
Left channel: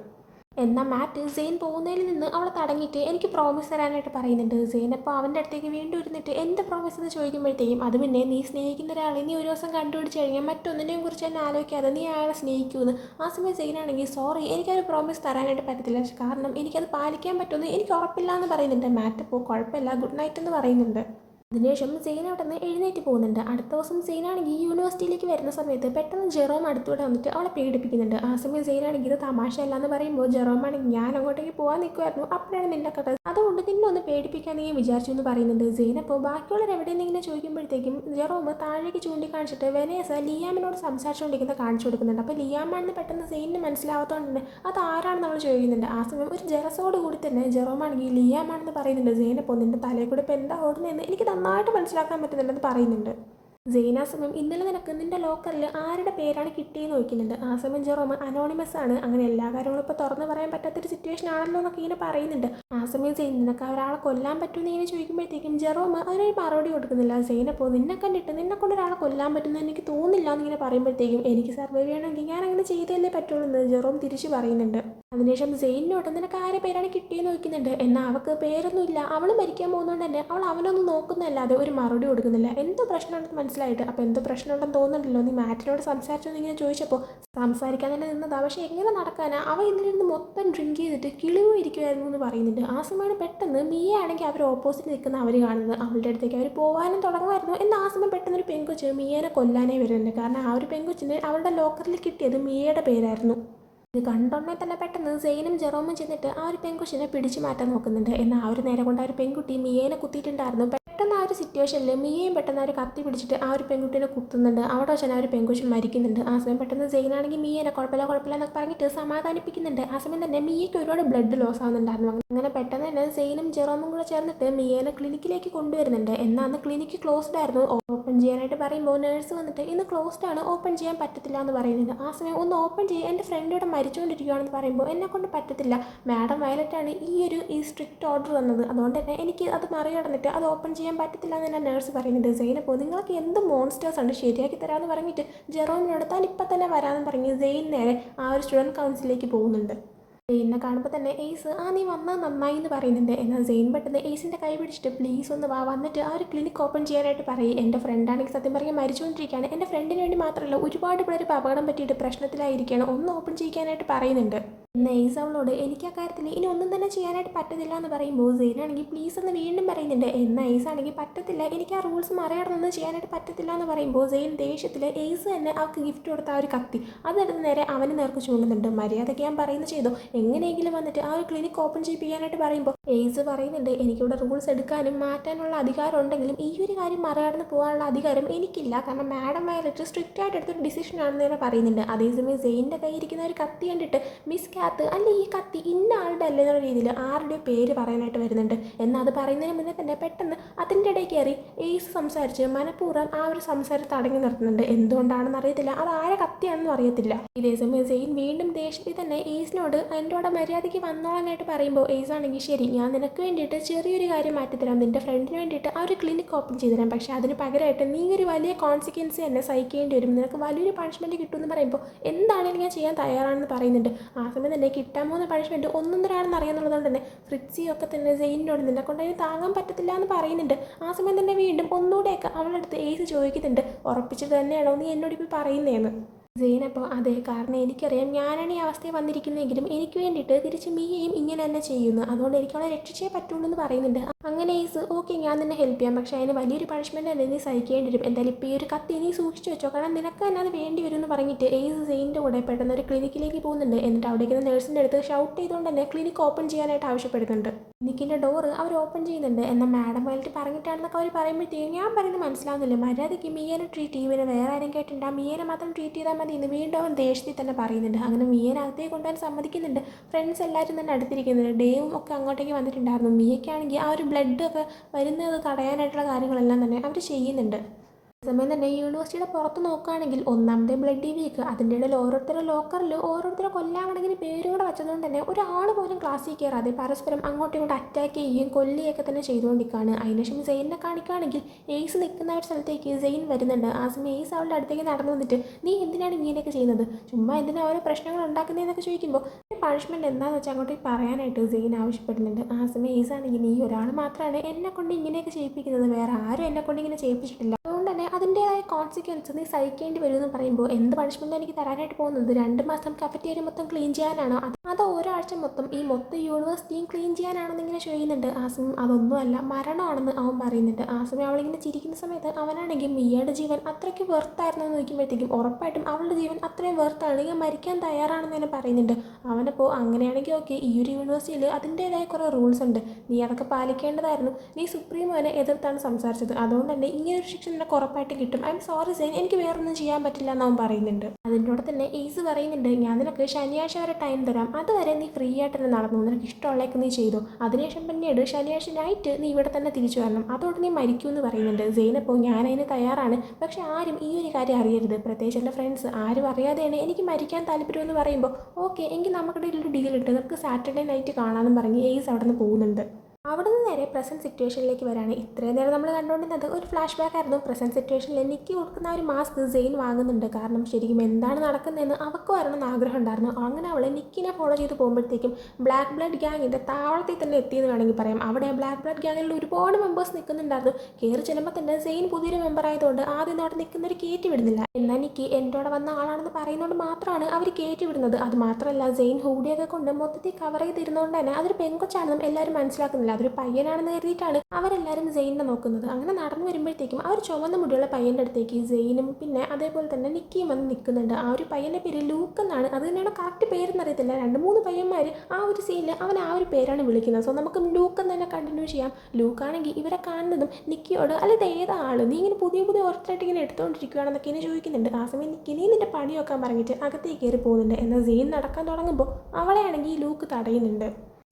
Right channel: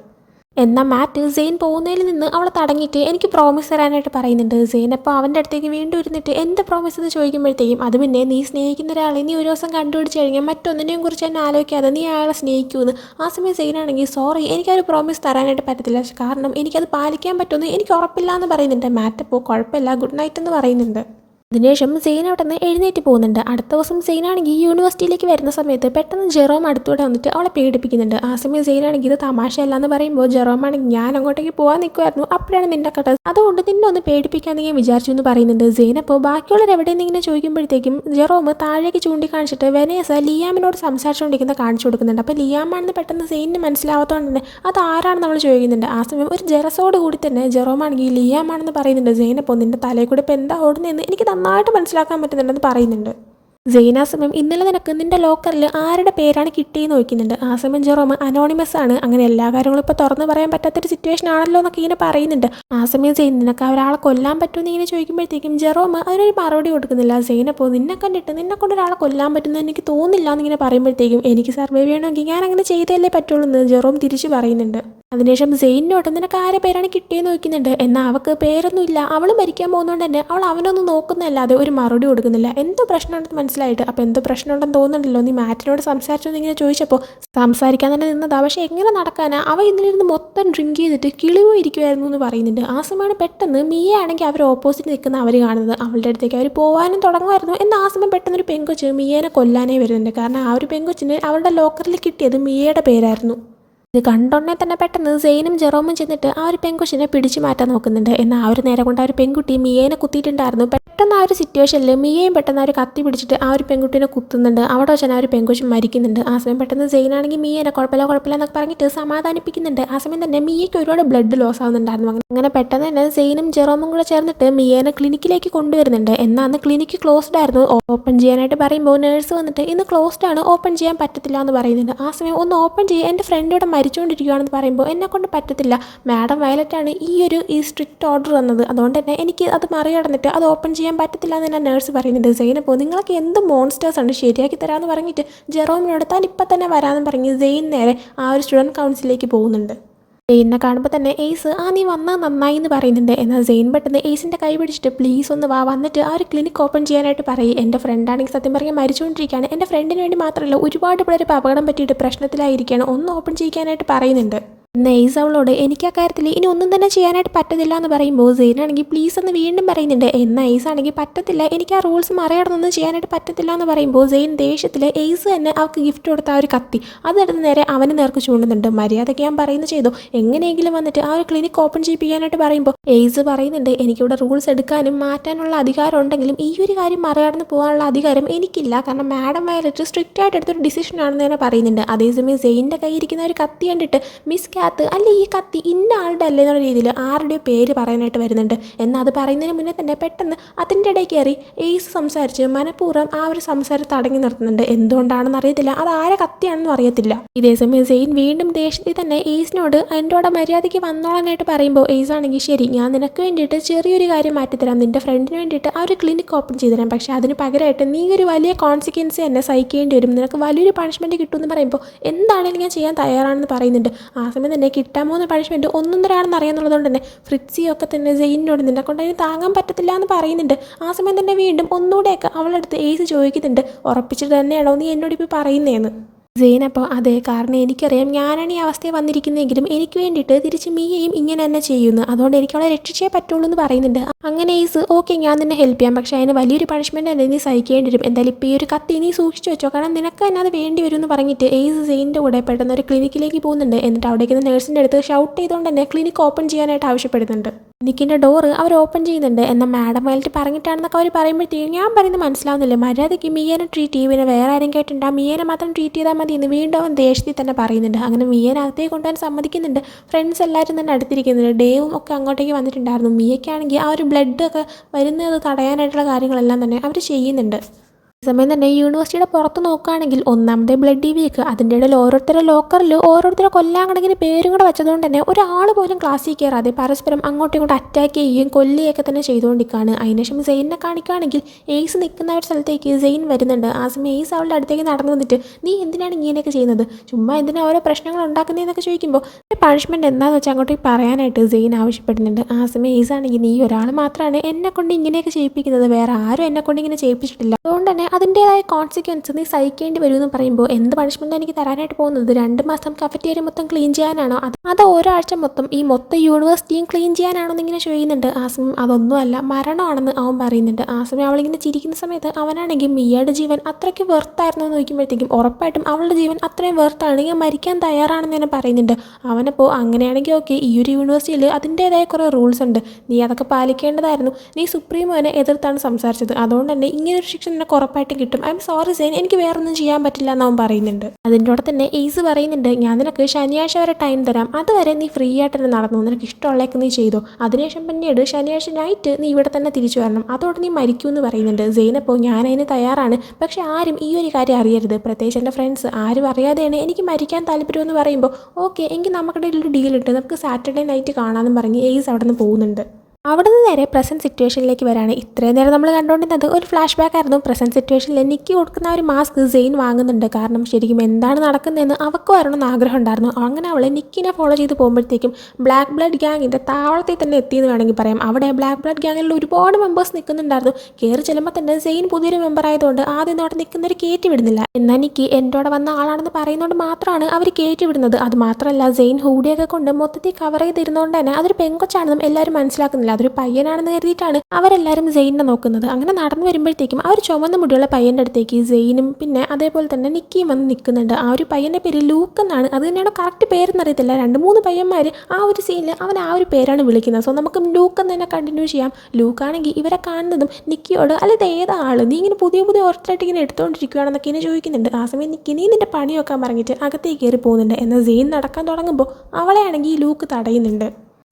എന്നാൽ മാറ്റ് സെയിൻ പോകുന്നതിൽ നിന്ന് അവളെ തടങ്ങിയിട്ട് എനിക്ക് പ്രോമിസ് തരാനായിട്ട് പറയുന്നുണ്ട്. സെയിൻ അപ്പോൾ അവൻ്റെ അടുത്തേക്ക് വീണ്ടും ഇരുന്നിട്ട് എന്ത് പ്രോമിസ് എന്ന് ചോദിക്കുമ്പോഴത്തേക്കും അത് പിന്നെ നീ സ്നേഹിക്കുന്ന ഒരാളെ നീ ഒരു ദിവസം കണ്ടുപിടിച്ച് കഴിഞ്ഞാൽ മറ്റൊന്നിനെയും കുറിച്ച് തന്നെ ആലോചിക്കാതെ നീ അയാളെ സ്നേഹിക്കുമെന്ന്. ആ സമയം സെയിനാണെങ്കിൽ സോറി എനിക്കൊരു പ്രോമിസ് തരാനായിട്ട് പറ്റത്തില്ല, കാരണം എനിക്കത് പാലിക്കാൻ പറ്റുമെന്ന് എനിക്ക് ഉറപ്പില്ല എന്ന് പറയുന്നുണ്ട്. മാറ്റ് അപ്പോൾ കുഴപ്പമില്ല ഗുഡ് നൈറ്റ് എന്ന് പറയുന്നുണ്ട്. അതിനുശേഷം സെയിൻ അവിടെ നിന്ന് എഴുന്നേറ്റ് പോകുന്നുണ്ട്. അടുത്ത ദിവസം സെയിനാണെങ്കിൽ യൂണിവേഴ്സിറ്റിയിലേക്ക് വരുന്ന സമയത്ത് പെട്ടെന്ന് ജെറോം അടുത്തൂടെ വന്നിട്ട് അവളെ പേടിപ്പിക്കുന്നുണ്ട്. ആ സമയം സെയിനാണെങ്കിൽ ഇത് തമാശയല്ല എന്ന് പറയുമ്പോൾ ജെറോം ആണെങ്കിൽ ഞാൻ അങ്ങോട്ടേക്ക് പോകാൻ നിൽക്കുമായിരുന്നു, അപ്പോഴാണ് നിന്റെ കഥ, അതുകൊണ്ട് നിന്നെ ഒന്ന് പേടിപ്പിക്കാമെന്ന് ഞാൻ വിചാരിച്ചു എന്ന് പറയുന്നുണ്ട്. സെയിൻ അപ്പോൾ ബാക്കിയുള്ളവർ എവിടെയെന്ന് ഇങ്ങനെ ചോദിക്കുമ്പോഴത്തേക്കും ജെറോം താഴേക്ക് ചൂണ്ടിക്കാണിച്ചിട്ട് വെനേസ ലിയാമിനോട് സംസാരിച്ചുകൊണ്ടിരിക്കുന്ന കാണിച്ചു കൊടുക്കുന്നുണ്ട്. അപ്പോൾ ലിയാമാണെന്ന് പെട്ടെന്ന് സെയിനിന് മനസ്സിലാവാത്തതുകൊണ്ട് തന്നെ അത് ആരാണെന്ന് നമ്മൾ ചോദിക്കുന്നുണ്ട്. ആ സമയം ഒരു ജെറസോട് കൂടി തന്നെ ജെറോം ആണെങ്കിൽ ലിയാമാണെന്ന് പറയുന്നുണ്ട്. സെയിൻ അപ്പോൾ നിന്റെ തലയിൽ കൂടെ ഇപ്പോൾ എന്താ ഓടുന്നതെന്ന് എനിക്ക് നന്നായിട്ട് മനസ്സിലാക്കാൻ പറ്റുന്നുണ്ടെന്ന് പറയുന്നുണ്ട്. സെയിൻ ആ സമയം ഇന്നലെ നിനക്ക് നിൻ്റെ ലോക്കറിൽ ആരുടെ പേരാണ് കിട്ടിയെന്ന് ചോദിക്കുന്നുണ്ട്. ആ സമയം ജെറോം അനോണിമസ് ആണ്, അങ്ങനെ എല്ലാ കാര്യങ്ങളും ഇപ്പോൾ തുറന്ന് പറയാൻ പറ്റാത്തൊരു സിറ്റുവേഷൻ ആണല്ലോ എന്നൊക്കെ ഇങ്ങനെ പറയുന്നുണ്ട്. ആ സമയം സെയിൻ നിനക്ക് ഒരാളെ കൊല്ലാൻ പറ്റുമെന്ന് ഇങ്ങനെ ചോദിക്കുമ്പോഴത്തേക്കും ജെറോം അതിനൊരു മറുപടി കൊടുക്കുന്നില്ല. സെയിൻ അപ്പോൾ നിന്നെ കണ്ടിട്ട് നിന്നെ കൊണ്ട് ഒരാളെ കൊല്ലാൻ പറ്റുമെന്ന് എനിക്ക് തോന്നില്ല എന്നിങ്ങനെ പറയുമ്പോഴത്തേക്കും എനിക്ക് സർവൈവ് ചെയ്യണമെങ്കിൽ ഞാൻ അങ്ങനെ ചെയ്തല്ലേ പറ്റുള്ളൂ എന്ന് ജെറോം തിരിച്ചു പറയുന്നുണ്ട്. അതിനുശേഷം സെയിനോട്ട് നിനക്ക് ആരെ പേരാണ് കിട്ടിയെന്ന് ചോദിക്കുന്നുണ്ട്. എന്നാൽ അവൾക്ക് പേരൊന്നുമില്ല, അവൾ മരിക്കാൻ പോകുന്നതുകൊണ്ട് തന്നെ അവൾ അവനൊന്നും നോക്കുന്നതല്ലാതെ ഒരു മറുപടി കൊടുക്കുന്നില്ല. എന്തോ പ്രശ്നമാണെന്ന് മനസ്സിലായിട്ട്. അപ്പോൾ എന്തോ പ്രശ്നമുണ്ടെന്ന് തോന്നുന്നുണ്ടല്ലോ, നീ മാറ്റിനോട് സംസാരിച്ചോ എന്നിങ്ങനെ ചോദിച്ചപ്പോൾ സംസാരിക്കാൻ തന്നെ നിന്നതാ. പക്ഷേ എങ്ങനെ നടക്കാനാ, അവ ഇതിലിരുന്ന് മൊത്തം ഡ്രിങ്ക് ചെയ്തിട്ട് കിളിവോ ഇരിക്കുമായിരുന്നു എന്ന് പറയുന്നുണ്ട്. ആ സമയമാണ് പെട്ടെന്ന് മിയ ആണെങ്കിൽ അവർ ഓപ്പോസിറ്റ് നിൽക്കുന്ന അവർ കാണുന്നത്. അവളുടെ അടുത്തേക്ക് അവർ പോകാനും തുടങ്ങുമായിരുന്നു. എന്നാൽ ആ സമയം പെട്ടെന്നൊരു പെങ്കൊച്ച് മിയേനെ കൊല്ലാനേ വരുന്നുണ്ട്. കാരണം ആ ഒരു പെങ്കൊച്ചിന് അവളുടെ ലോക്കറിൽ കിട്ടിയത് മിയയുടെ പേരായിരുന്നു. ഇത് കണ്ടോടനെ തന്നെ പെട്ടെന്ന് സെയിനും ജെറോമും ചെന്നിട്ട് ആ ഒരു പെൺകുച്ചിനെ പിടിച്ചു മാറ്റാൻ നോക്കുന്നുണ്ട്. എന്നാൽ ആ ഒരു നേരം കൊണ്ട് ആ ഒരു പെൺകുട്ടി മിയേനെ കുത്തിയിട്ടുണ്ടായിരുന്നു. പെട്ടെന്ന് ആ ഒരു സിറ്റുവേഷനിൽ മിയയും പെട്ടെന്ന് ആ ഒരു കത്തി പിടിച്ചിട്ട് ആ ഒരു പെൺകുട്ടീനെ കുത്തുന്നുണ്ട്. അവിടെ വെച്ചാൽ ആ ഒരു പെൺകുച്ചി മരിക്കുന്നുണ്ട്. ആ സമയം പെട്ടെന്ന് സെയിനാണെങ്കിൽ മിയേനെ കുഴപ്പമില്ല എന്നൊക്കെ പറഞ്ഞിട്ട് സമാധാനിപ്പിക്കുന്നുണ്ട്. ആ സമയം തന്നെ മിയയ്ക്ക് ഒരുപാട് ബ്ലഡ് ലോസ് ആവുന്നുണ്ടായിരുന്നു. അങ്ങനെ പെട്ടെന്ന് തന്നെ സെയിനും ജെറോമും കൂടെ ചേർന്നിട്ട് മിയേനെ ക്ലിനിക്കിലേക്ക് കൊണ്ടുവരുന്നുണ്ട്. എന്നാൽ അന്ന് ക്ലിനിക്ക് ക്ലോസ്ഡ് ആയിരുന്നു. ഓപ്പൺ ചെയ്യാനായിട്ട് പറയുമ്പോൾ നേഴ്സ് വന്നിട്ട് ഇന്ന് ക്ലോസ്ഡ് ആണ്, ഓപ്പൺ ചെയ്യാൻ പറ്റത്തില്ല എന്ന് പറയുന്നുണ്ട്. ആ സമയം ഒന്ന് ഓപ്പൺ ചെയ്യുക, എൻ്റെ ഫ്രണ്ടിവിടെ മരിച്ചുകൊണ്ടിരിക്കുകയാണെന്ന് പറയുമ്പോൾ എന്നെക്കൊണ്ട് പറ്റത്തില്ല, മാഡം വയലറ്റാണ് ഈ സ്ട്രിക്റ്റ് ഓർഡർ തന്നത്, അതുകൊണ്ട് തന്നെ എനിക്ക് അത് മറികടന്നിട്ട് അത് ഓപ്പൺ ചെയ്യാൻ പറ്റത്തില്ല എന്ന് തന്നെ നേഴ്സ് പറയുന്നുണ്ട്. സെയിനപ്പോൾ നിങ്ങളൊക്കെ എന്ത് മോൺസ്റ്റേഴ്സാണ്, ശരിയാക്കി തരാമെന്ന് പറഞ്ഞിട്ട് ജെറോമിനോട് താൻ ഇപ്പം തന്നെ വരാമെന്ന് പറഞ്ഞ് സെയിൻ നേരെ ആ ഒരു സ്റ്റുഡൻറ്റ് കൗൺസിലേക്ക് പോകുന്നുണ്ട്. സെയിനെ കാണുമ്പോൾ തന്നെ എയ്സ് നീ വന്നാൽ നന്നായി എന്ന് പറയുന്നുണ്ട്. എന്നാൽ സെയിൻ പെട്ടെന്ന് എയ്സിൻ്റെ കൈ പിടിച്ചിട്ട് പ്ലീസ് ഒന്ന് വന്നിട്ട് ആ ഒരു ക്ലിനിക്ക് ഓപ്പൺ ചെയ്യാനായിട്ട് പറയും. എൻ്റെ ഫ്രണ്ടാണെങ്കിൽ സത്യം പറയാൻ മരിച്ചുകൊണ്ടിരിക്കുകയാണ്, എൻ്റെ ഫ്രണ്ടിന് വേണ്ടി മാത്രമല്ല ഒരുപാട് പേര് ഇപ്പോൾ അപകടം പറ്റിയിട്ട് പ്രശ്നത്തിലായിരിക്കുകയാണ്, ഒന്ന് ഓപ്പൺ ചെയ്യിക്കാനായിട്ട് പറയുന്നുണ്ട്. എന്നാൽ എയ്സ് അവളോട് എനിക്ക് ആ കാര്യത്തിൽ ഇനി ഒന്നും തന്നെ ചെയ്യാനായിട്ട് പറ്റത്തില്ല എന്ന് പറയുമ്പോൾ സെയിനാണെങ്കിൽ പ്ലീസ് എന്ന് വീണ്ടും പറയുന്നുണ്ട്. എന്നാൽ എയ്സ് ആണെങ്കിൽ പറ്റത്തില്ല, എനിക്ക് ആ റൂൾസ് മറികടന്നൊന്നും ചെയ്യാനായിട്ട് പറ്റത്തില്ല എന്ന് പറയുമ്പോൾ സെയിൻ ദേഷ്യത്തിൽ എയ്സ് തന്നെ അവൾക്ക് ഗിഫ്റ്റ് കൊടുത്ത ആ ഒരു കത്തി അതെടുത്ത് നേരെ അവന് നേർക്ക് ചൂണ്ടുന്നുണ്ട്. മര്യാദയ്ക്ക് ഞാൻ പറയുന്നത് ചെയ്തു, എങ്ങനെയെങ്കിലും വന്നിട്ട് ആ ഒരു ക്ലിനിക്ക് ഓപ്പൺ ചെയ്യിപ്പിക്കാനായിട്ട് പറയുമ്പോൾ എയ്സ് പറയുന്നുണ്ട് എനിക്കിവിടെ റൂൾസ് എടുക്കാനും മാറ്റാനുള്ള അധികാരം ഉണ്ടെങ്കിലും ഈ ഒരു കാര്യം മറികടന്ന് പോകാനുള്ള അധികാരം എനിക്കില്ല, കാരണം മാഡം വയലറ്റ് സ്ട്രിക്റ്റ് ആയിട്ട് എടുത്തൊരു ഡിസിഷൻ ആണെന്ന് തന്നെ പറയുന്നുണ്ട്. അതേസമയം സെയിൻ്റെ കയ്യിരിക്കുന്ന ഒരു കത്തി കണ്ടിട്ട് മിസ് കാത്ത് അല്ലെ ഈ കത്തി ഇന്ന ആളുടെ അല്ലേ എന്നുള്ള രീതിയിൽ ആരുടെയോ പേര് പറയാനായിട്ട് വരുന്നുണ്ട്. എന്നാൽ അത് പറയുന്നതിന് മുന്നേ തന്നെ പെട്ടെന്ന് അതിൻ്റെ ഇടയിൽ കയറി എയ്സ് സംസാരിച്ച് മനഃപൂർവ്വം ആ ഒരു സംസാരം തടഞ്ഞു നിർത്തുന്നുണ്ട്. എന്തുകൊണ്ടാണെന്ന് അറിയത്തില്ല, അത് ആരെ കത്തിയാണെന്നും അറിയത്തില്ല. ഇതേസമയം സെയിൻ വീണ്ടും ദേഷ്യത്തിൽ തന്നെ എയ്സിനോട് എൻ്റെ കൂടെ മര്യാദയ്ക്ക് വന്നോളാനായിട്ട് പറയുമ്പോൾ എയ്സ് ആണെങ്കിൽ ശരി, ഞാൻ നിനക്ക് വേണ്ടിയിട്ട് ചെറിയൊരു കാര്യം മാറ്റിത്തരാം, നിൻ്റെ ഫ്രണ്ടിന് വേണ്ടിയിട്ട് ആ ഒരു ക്ലിനിക്ക് ഓപ്പൺ ചെയ്തു തരാം, പക്ഷേ അതിന് പകരമായിട്ട് നീ ഒരു വലിയ കോൺസിക്വൻസ് എന്നെ സഹിക്കേണ്ടി വരും, നിനക്ക് വലിയൊരു പണിഷ്മെൻറ്റ് കിട്ടുമെന്ന് പറയുമ്പോൾ എന്താണെങ്കിലും ഞാൻ ചെയ്യാൻ തയ്യാറാണെന്ന് പറയുന്നുണ്ട്. ആ സമയം തന്നെ കിട്ടാൻ പോകുന്ന പണിഷ്മെൻറ്റ് ഒന്നൊന്നരാണെന്ന് അറിയാന്നുള്ളതുകൊണ്ട് തന്നെ ഫ്രിറ്റ്സിയൊക്കെ തന്നെ സെയിനോട് നിന്നെ കൊണ്ട് അതിന് താങ്ങാൻ പറ്റത്തില്ല എന്ന് പറയുന്നുണ്ട്. ആ സമയം തന്നെ വീണ്ടും ഒന്നുകൂടെയൊക്കെ അവളടുത്ത് എയ്സ് ചോദിക്കുന്നുണ്ട്, ഉറപ്പിച്ചിട്ട് തന്നെയാണോ നീ എന്നോട് ഇപ്പോൾ പറയുന്നതെന്ന്. സെയിൻ അപ്പോൾ അതെ, കാരണം എനിക്കറിയാം ഞാനാണ് ഈ അവസ്ഥയിൽ വന്നിരിക്കുന്നതെങ്കിലും എനിക്ക് വേണ്ടിയിട്ട് തിരിച്ച് മിയയും ഇങ്ങനെ തന്നെ ചെയ്യുന്നു, അതുകൊണ്ട് എനിക്ക് അവളെ രക്ഷിച്ചേ പറ്റുള്ളൂ എന്ന് പറയുന്നുണ്ട്. അങ്ങനെ എയ്സ് ഓക്കെ ഞാൻ നിന്നെ ഹെൽപ്പ് ചെയ്യാം, പക്ഷേ അതിന് വലിയൊരു പണിഷ്മെൻറ്റ് തന്നെ നീ സഹിക്കേണ്ടി വരും, എന്തായാലും ഇപ്പോൾ ഈ ഒരു കത്തി നീ സൂക്ഷിച്ചു വെച്ചോ, കാരണം നിനക്ക് തന്നെ അത് വേണ്ടി വരും എന്ന് പറഞ്ഞിട്ട് എയ്സ് സെയിൻ്റെ കൂടെ പെട്ടെന്ന് ഒരു ക്ലിനിക്കിലേക്ക് പോകുന്നുണ്ട്. എന്നിട്ട് അവിടേക്ക് നേഴ്സിൻ്റെ അടുത്ത് ഷൗട്ട് ചെയ്തുകൊണ്ട് തന്നെ ക്ലിനിക്ക് ഓപ്പൺ ചെയ്യാനായിട്ട് ആവശ്യപ്പെടുന്നുണ്ട്. ക്ലിനിക്കിൻ്റെ ഡോറ് അവർ ഓപ്പൺ ചെയ്യുന്നുണ്ട്. എന്നാൽ മാഡം വയലറ്റ് പറഞ്ഞിട്ടാണെന്നൊക്കെ അവർ പറയുമ്പോഴത്തേക്കും ഞാൻ പറയുന്നത് മനസ്സിലാവുന്നില്ല, മര്യാദയ്ക്ക് മിയേനെ ട്രീറ്റ് ചെയ്യും, പിന്നെ വേറെ ആരും കേട്ടിട്ടുണ്ട്, ആ മിയേനെ മാത്രം ട്രീറ്റ് ചെയ്താൽ മതി എന്ന് വീണ്ടും അവൻ ദേഷ്യത്തിൽ തന്നെ പറയുന്നുണ്ട്. അങ്ങനെ മിയേനെ അകത്തേക്ക് കൊണ്ടുപോകാൻ സമ്മതിക്കുന്നുണ്ട്. ഫ്രണ്ട്സ് എല്ലാവരും തന്നെ അടുത്തിരിക്കുന്നുണ്ട്. ഡേവും ഒക്കെ അങ്ങോട്ടേക്ക് വന്നിട്ടുണ്ടായിരുന്നു. മിയയ്ക്കാണെങ്കിൽ ആ ഒരു ബ്ലഡ് ഒക്കെ വരുന്നത് തടയാനായിട്ടുള്ള കാര്യങ്ങളെല്ലാം തന്നെ അവർ ചെയ്യുന്നുണ്ട്. സമയം തന്നെ യൂണിവേഴ്സിറ്റിയുടെ പുറത്ത് നോക്കുകയാണെങ്കിൽ ഒന്നാമത്തെ ബ്ലഡി വീക്ക്, അതിൻ്റെ ഇടയിൽ ഓരോരുത്തരുടെ ലോക്കറിൽ ഓരോരുത്തരെ കൊല്ലാൻ കണക്കിന് പേരും കൂടെ വെച്ചതുകൊണ്ട് തന്നെ ഒരാൾ പോലും ക്ലാസ്സിൽ കയറാതെ പരസ്പരം അങ്ങോട്ടും ഇങ്ങോട്ടും അറ്റാക്ക് ചെയ്യുകയും കൊല്ലുകയൊക്കെ തന്നെ ചെയ്തുകൊണ്ടിരിക്കുകയാണ്. അതിനുശേഷം സെയിനെ കാണിക്കുകയാണെങ്കിൽ എയ്സ് നിൽക്കുന്ന ഒരു സ്ഥലത്തേക്ക് സെയിൻ വരുന്നുണ്ട്. ആ സമയം എയ്സ് അവളുടെ അടുത്തേക്ക് നടന്നു വന്നിട്ട് നീ എന്തിനാണ് ഇങ്ങനെയൊക്കെ ചെയ്യുന്നത്, ചുമ്മാ എന്തിനാ ഓരോ പ്രശ്നങ്ങൾ ഉണ്ടാക്കുന്നതെന്നൊക്കെ ചോദിക്കുമ്പോൾ പണിഷ്മെൻറ്റ് എന്താണെന്ന് വെച്ചാൽ അങ്ങോട്ടേക്ക് പറയാനായിട്ട് സെയിൻ ആവശ്യപ്പെടുന്നുണ്ട്. ആ സമയം എയ്സ് ആണെങ്കിൽ നീ ഒരാൾ മാത്രമാണ് എന്നെക്കൊണ്ട് ഇങ്ങനെയൊക്കെ ചെയ്യിപ്പിക്കുന്നത്, വേറെ ആരും എന്നെക്കൊണ്ട് ഇങ്ങനെ ചെയ്യിപ്പിച്ചിട്ടില്ല, അതുകൊണ്ട് തന്നെ അതിൻ്റേതായ കോൺസിക്വൻസ് നീ സഹിക്കേണ്ടി വരുമെന്ന് പറയുമ്പോൾ എന്ത് പണിഷ്മെൻറ്റ് എനിക്ക് തരാനായിട്ട് പോകുന്നത്, 2 മാസം കഫറ്റേരിയ മൊത്തം ക്ലീൻ ചെയ്യാനാണോ, അത് ഒരാഴ്ച മൊത്തം ഈ മൊത്തം യൂണിവേഴ്സിറ്റിയും ക്ലീൻ ചെയ്യാനാണോ എന്നിങ്ങനെ ചോദിക്കുന്നുണ്ട്. ആ സമയം അതൊന്നുമല്ല മരണമാണെന്ന് അവൻ പറയുന്നുണ്ട്. ആ സമയം അവളിങ്ങനെ ചിരിക്കുന്ന സമയത്ത് അവനാണെങ്കിൽ മിയയുടെ ജീവൻ അത്രയ്ക്ക് വെർത്തായിരുന്നു എന്ന് ചോദിക്കുമ്പോഴത്തേക്കും ഉറപ്പായിട്ടും അവളുടെ ജീവൻ അത്രയും വെർത്താണെങ്കിൽ മരിക്കാൻ തയ്യാറാണെന്ന് തന്നെ പറയുന്നുണ്ട്. അവനപ്പോൾ അങ്ങനെയാണെങ്കിൽ ഓക്കെ, ഈ ഒരു യൂണിവേഴ്സിറ്റിയിൽ അതിൻ്റേതായ കുറേ റൂൾസ് ഉണ്ട്, നീ അതൊക്കെ പാലിക്കേണ്ടതായിരുന്നു, നീ സുപ്രീമോനെ എതിർത്താണ് സംസാരിച്ചത്, അതുകൊണ്ട് തന്നെ ഇങ്ങനൊരു ശിക്ഷ നിനക്ക് ഉറപ്പായിട്ടും കിട്ടും, ഐ എം സോറി സെയിൻ, എനിക്ക് വേറൊന്നും ചെയ്യാൻ പറ്റില്ല എന്ന് അവൻ പറയുന്നുണ്ട്. അതിൻ്റെ കൂടെ തന്നെ എയ്സ് പറയുന്നുണ്ട് ഞാൻ നിനക്ക് ശനിയാഴ്ച വരെ ടൈം തരാം, അതുവരെ നീ ഫ്രീ ആയിട്ട് തന്നെ നടന്നു, നിനക്ക് ഇഷ്ടമുള്ളതൊക്കെ നീ ചെയ്തോ, അതിനുശേഷം പിന്നീട് ശനിയാഴ്ച നൈറ്റ് നീ ഇവിടെ തന്നെ തിരിച്ചു വരണം, അതോടെ നീ മരിക്കുമെന്ന് പറയുന്നുണ്ട്. സെയിനപ്പോൾ ഞാൻ അതിന് തയ്യാറാണ്, പക്ഷേ ആരും ഈ ഒരു കാര്യം അറിയരുത്, പ്രത്യേകിച്ച് എൻ്റെ ഫ്രണ്ട്സ് ആരും അറിയാതെയാണ് എനിക്ക് മരിക്കാൻ താല്പര്യമെന്ന് പറയുമ്പോൾ ഓക്കെ എങ്കിൽ നമുക്കിടയിൽ ഒരു ഡീലുണ്ട്, നമുക്ക് സാറ്റർഡേ നൈറ്റ് കാണാമെന്ന് പറഞ്ഞ് എയ്സ് അവിടെ നിന്ന് പോകുന്നുണ്ട്. അവിടെ നിന്ന് നേരെ പ്രസൻറ്റ് സിറ്റുവേഷനിലേക്ക് വരാണ്. ഇത്രയും നേരം നമ്മൾ കണ്ടുകൊണ്ടിരുന്നത് ഒരു ഫ്ലാഷ് ബാക്ക് ആയിരുന്നു. പ്രസൻറ്റ് സിറ്റുവേഷനിൽ നിക്കി കൊടുക്കുന്ന ഒരു മാസ്ക് സെയിൻ വാങ്ങുന്നുണ്ട്. കാരണം ശരിക്കും എന്താണ് നടക്കുന്നതെന്ന് അവൾക്ക് വരണമെന്ന് ആഗ്രഹം ഉണ്ടായിരുന്നു. അങ്ങനെ അവൾ നിക്കിനെ ഫോളോ ചെയ്ത് പോകുമ്പോഴത്തേക്കും ബ്ലാക്ക് ബ്ലഡ് ഗ്യാങ്ങിൻ്റെ താവളത്തിൽ തന്നെ എത്തിയെന്ന് വേണമെങ്കിൽ പറയാം. അവിടെ ബ്ലാക്ക് ബ്ലഡ് ഗ്യാങ്ങിൽ ഒരുപാട് മെമ്പേഴ്സ് നിൽക്കുന്നുണ്ടായിരുന്നു. കയറി ചെല്ലുമ്പോൾ തന്നെ സെയിൻ പുതിയൊരു മെമ്പർ ആയതുകൊണ്ട് ആദ്യം അവിടെ നിൽക്കുന്നവർ കയറ്റി വിടുന്നില്ല. എന്നാൽ നിക്കി എൻ്റെ അവിടെ വന്ന ആളാണെന്ന് പറയുന്നതുകൊണ്ട് മാത്രമാണ് അവർ കയറ്റി വിടുന്നത്. അത് മാത്രമല്ല സെയിൻ ഹൂഡിയൊക്കെ കൊണ്ട് മൊത്തത്തിൽ കവർ ചെയ്തിരുന്നതുകൊണ്ട് തന്നെ അതൊരു പെങ്കൊച്ചാണെന്നും എല്ലാവരും മനസ്സിലാക്കുന്നില്ല. അതൊരു പയ്യനാണെന്ന് കരുതിയിട്ടാണ് അവരെല്ലാവരും സെയിനെ നോക്കുന്നത്. അങ്ങനെ നടന്നു വരുമ്പോഴത്തേക്കും ആ ഒരു ചുവന്ന മുടിയുള്ള പയ്യൻ്റെ അടുത്തേക്ക് സെയിനും പിന്നെ അതേപോലെ തന്നെ നിക്കിയും വന്ന് നിൽക്കുന്നുണ്ട്. ആ ഒരു പയ്യൻ്റെ പേര് ലൂക്ക് എന്നാണ്. അത് തന്നെയാണ് കറക്റ്റ് പേരെന്ന് അറിയത്തില്ല. 2-3 പയ്യന്മാർ ആ ഒരു സീനിൽ അവൻ ആ ഒരു പേരാണ് വിളിക്കുന്നത്. സോ നമുക്ക് ലൂക്ക് എന്ന് തന്നെ കണ്ടിന്യൂ ചെയ്യാം. ലൂക്കാണെങ്കിൽ ഇവരെ കാണുന്നതും നിക്കിയോട് അല്ല ഇത് ഏതാ ആള്, നീ ഇങ്ങനെ പുതിയ ഓർത്തായിട്ട് ഇങ്ങനെ എടുത്തുകൊണ്ടിരിക്കുകയാണെന്നൊക്കെ ഇങ്ങനെ ചോദിക്കുന്നുണ്ട്. ആ സമയം നിക്കി നീ നിന്റെ പണി വെക്കാൻ പറഞ്ഞിട്ട് അകത്തേക്ക് കയറി പോകുന്നുണ്ട്. എന്നാൽ സെയിൻ നടക്കാൻ തുടങ്ങുമ്പോൾ അവളെയാണെങ്കിൽ ഈ ലൂക്ക് തടയുന്നുണ്ട്.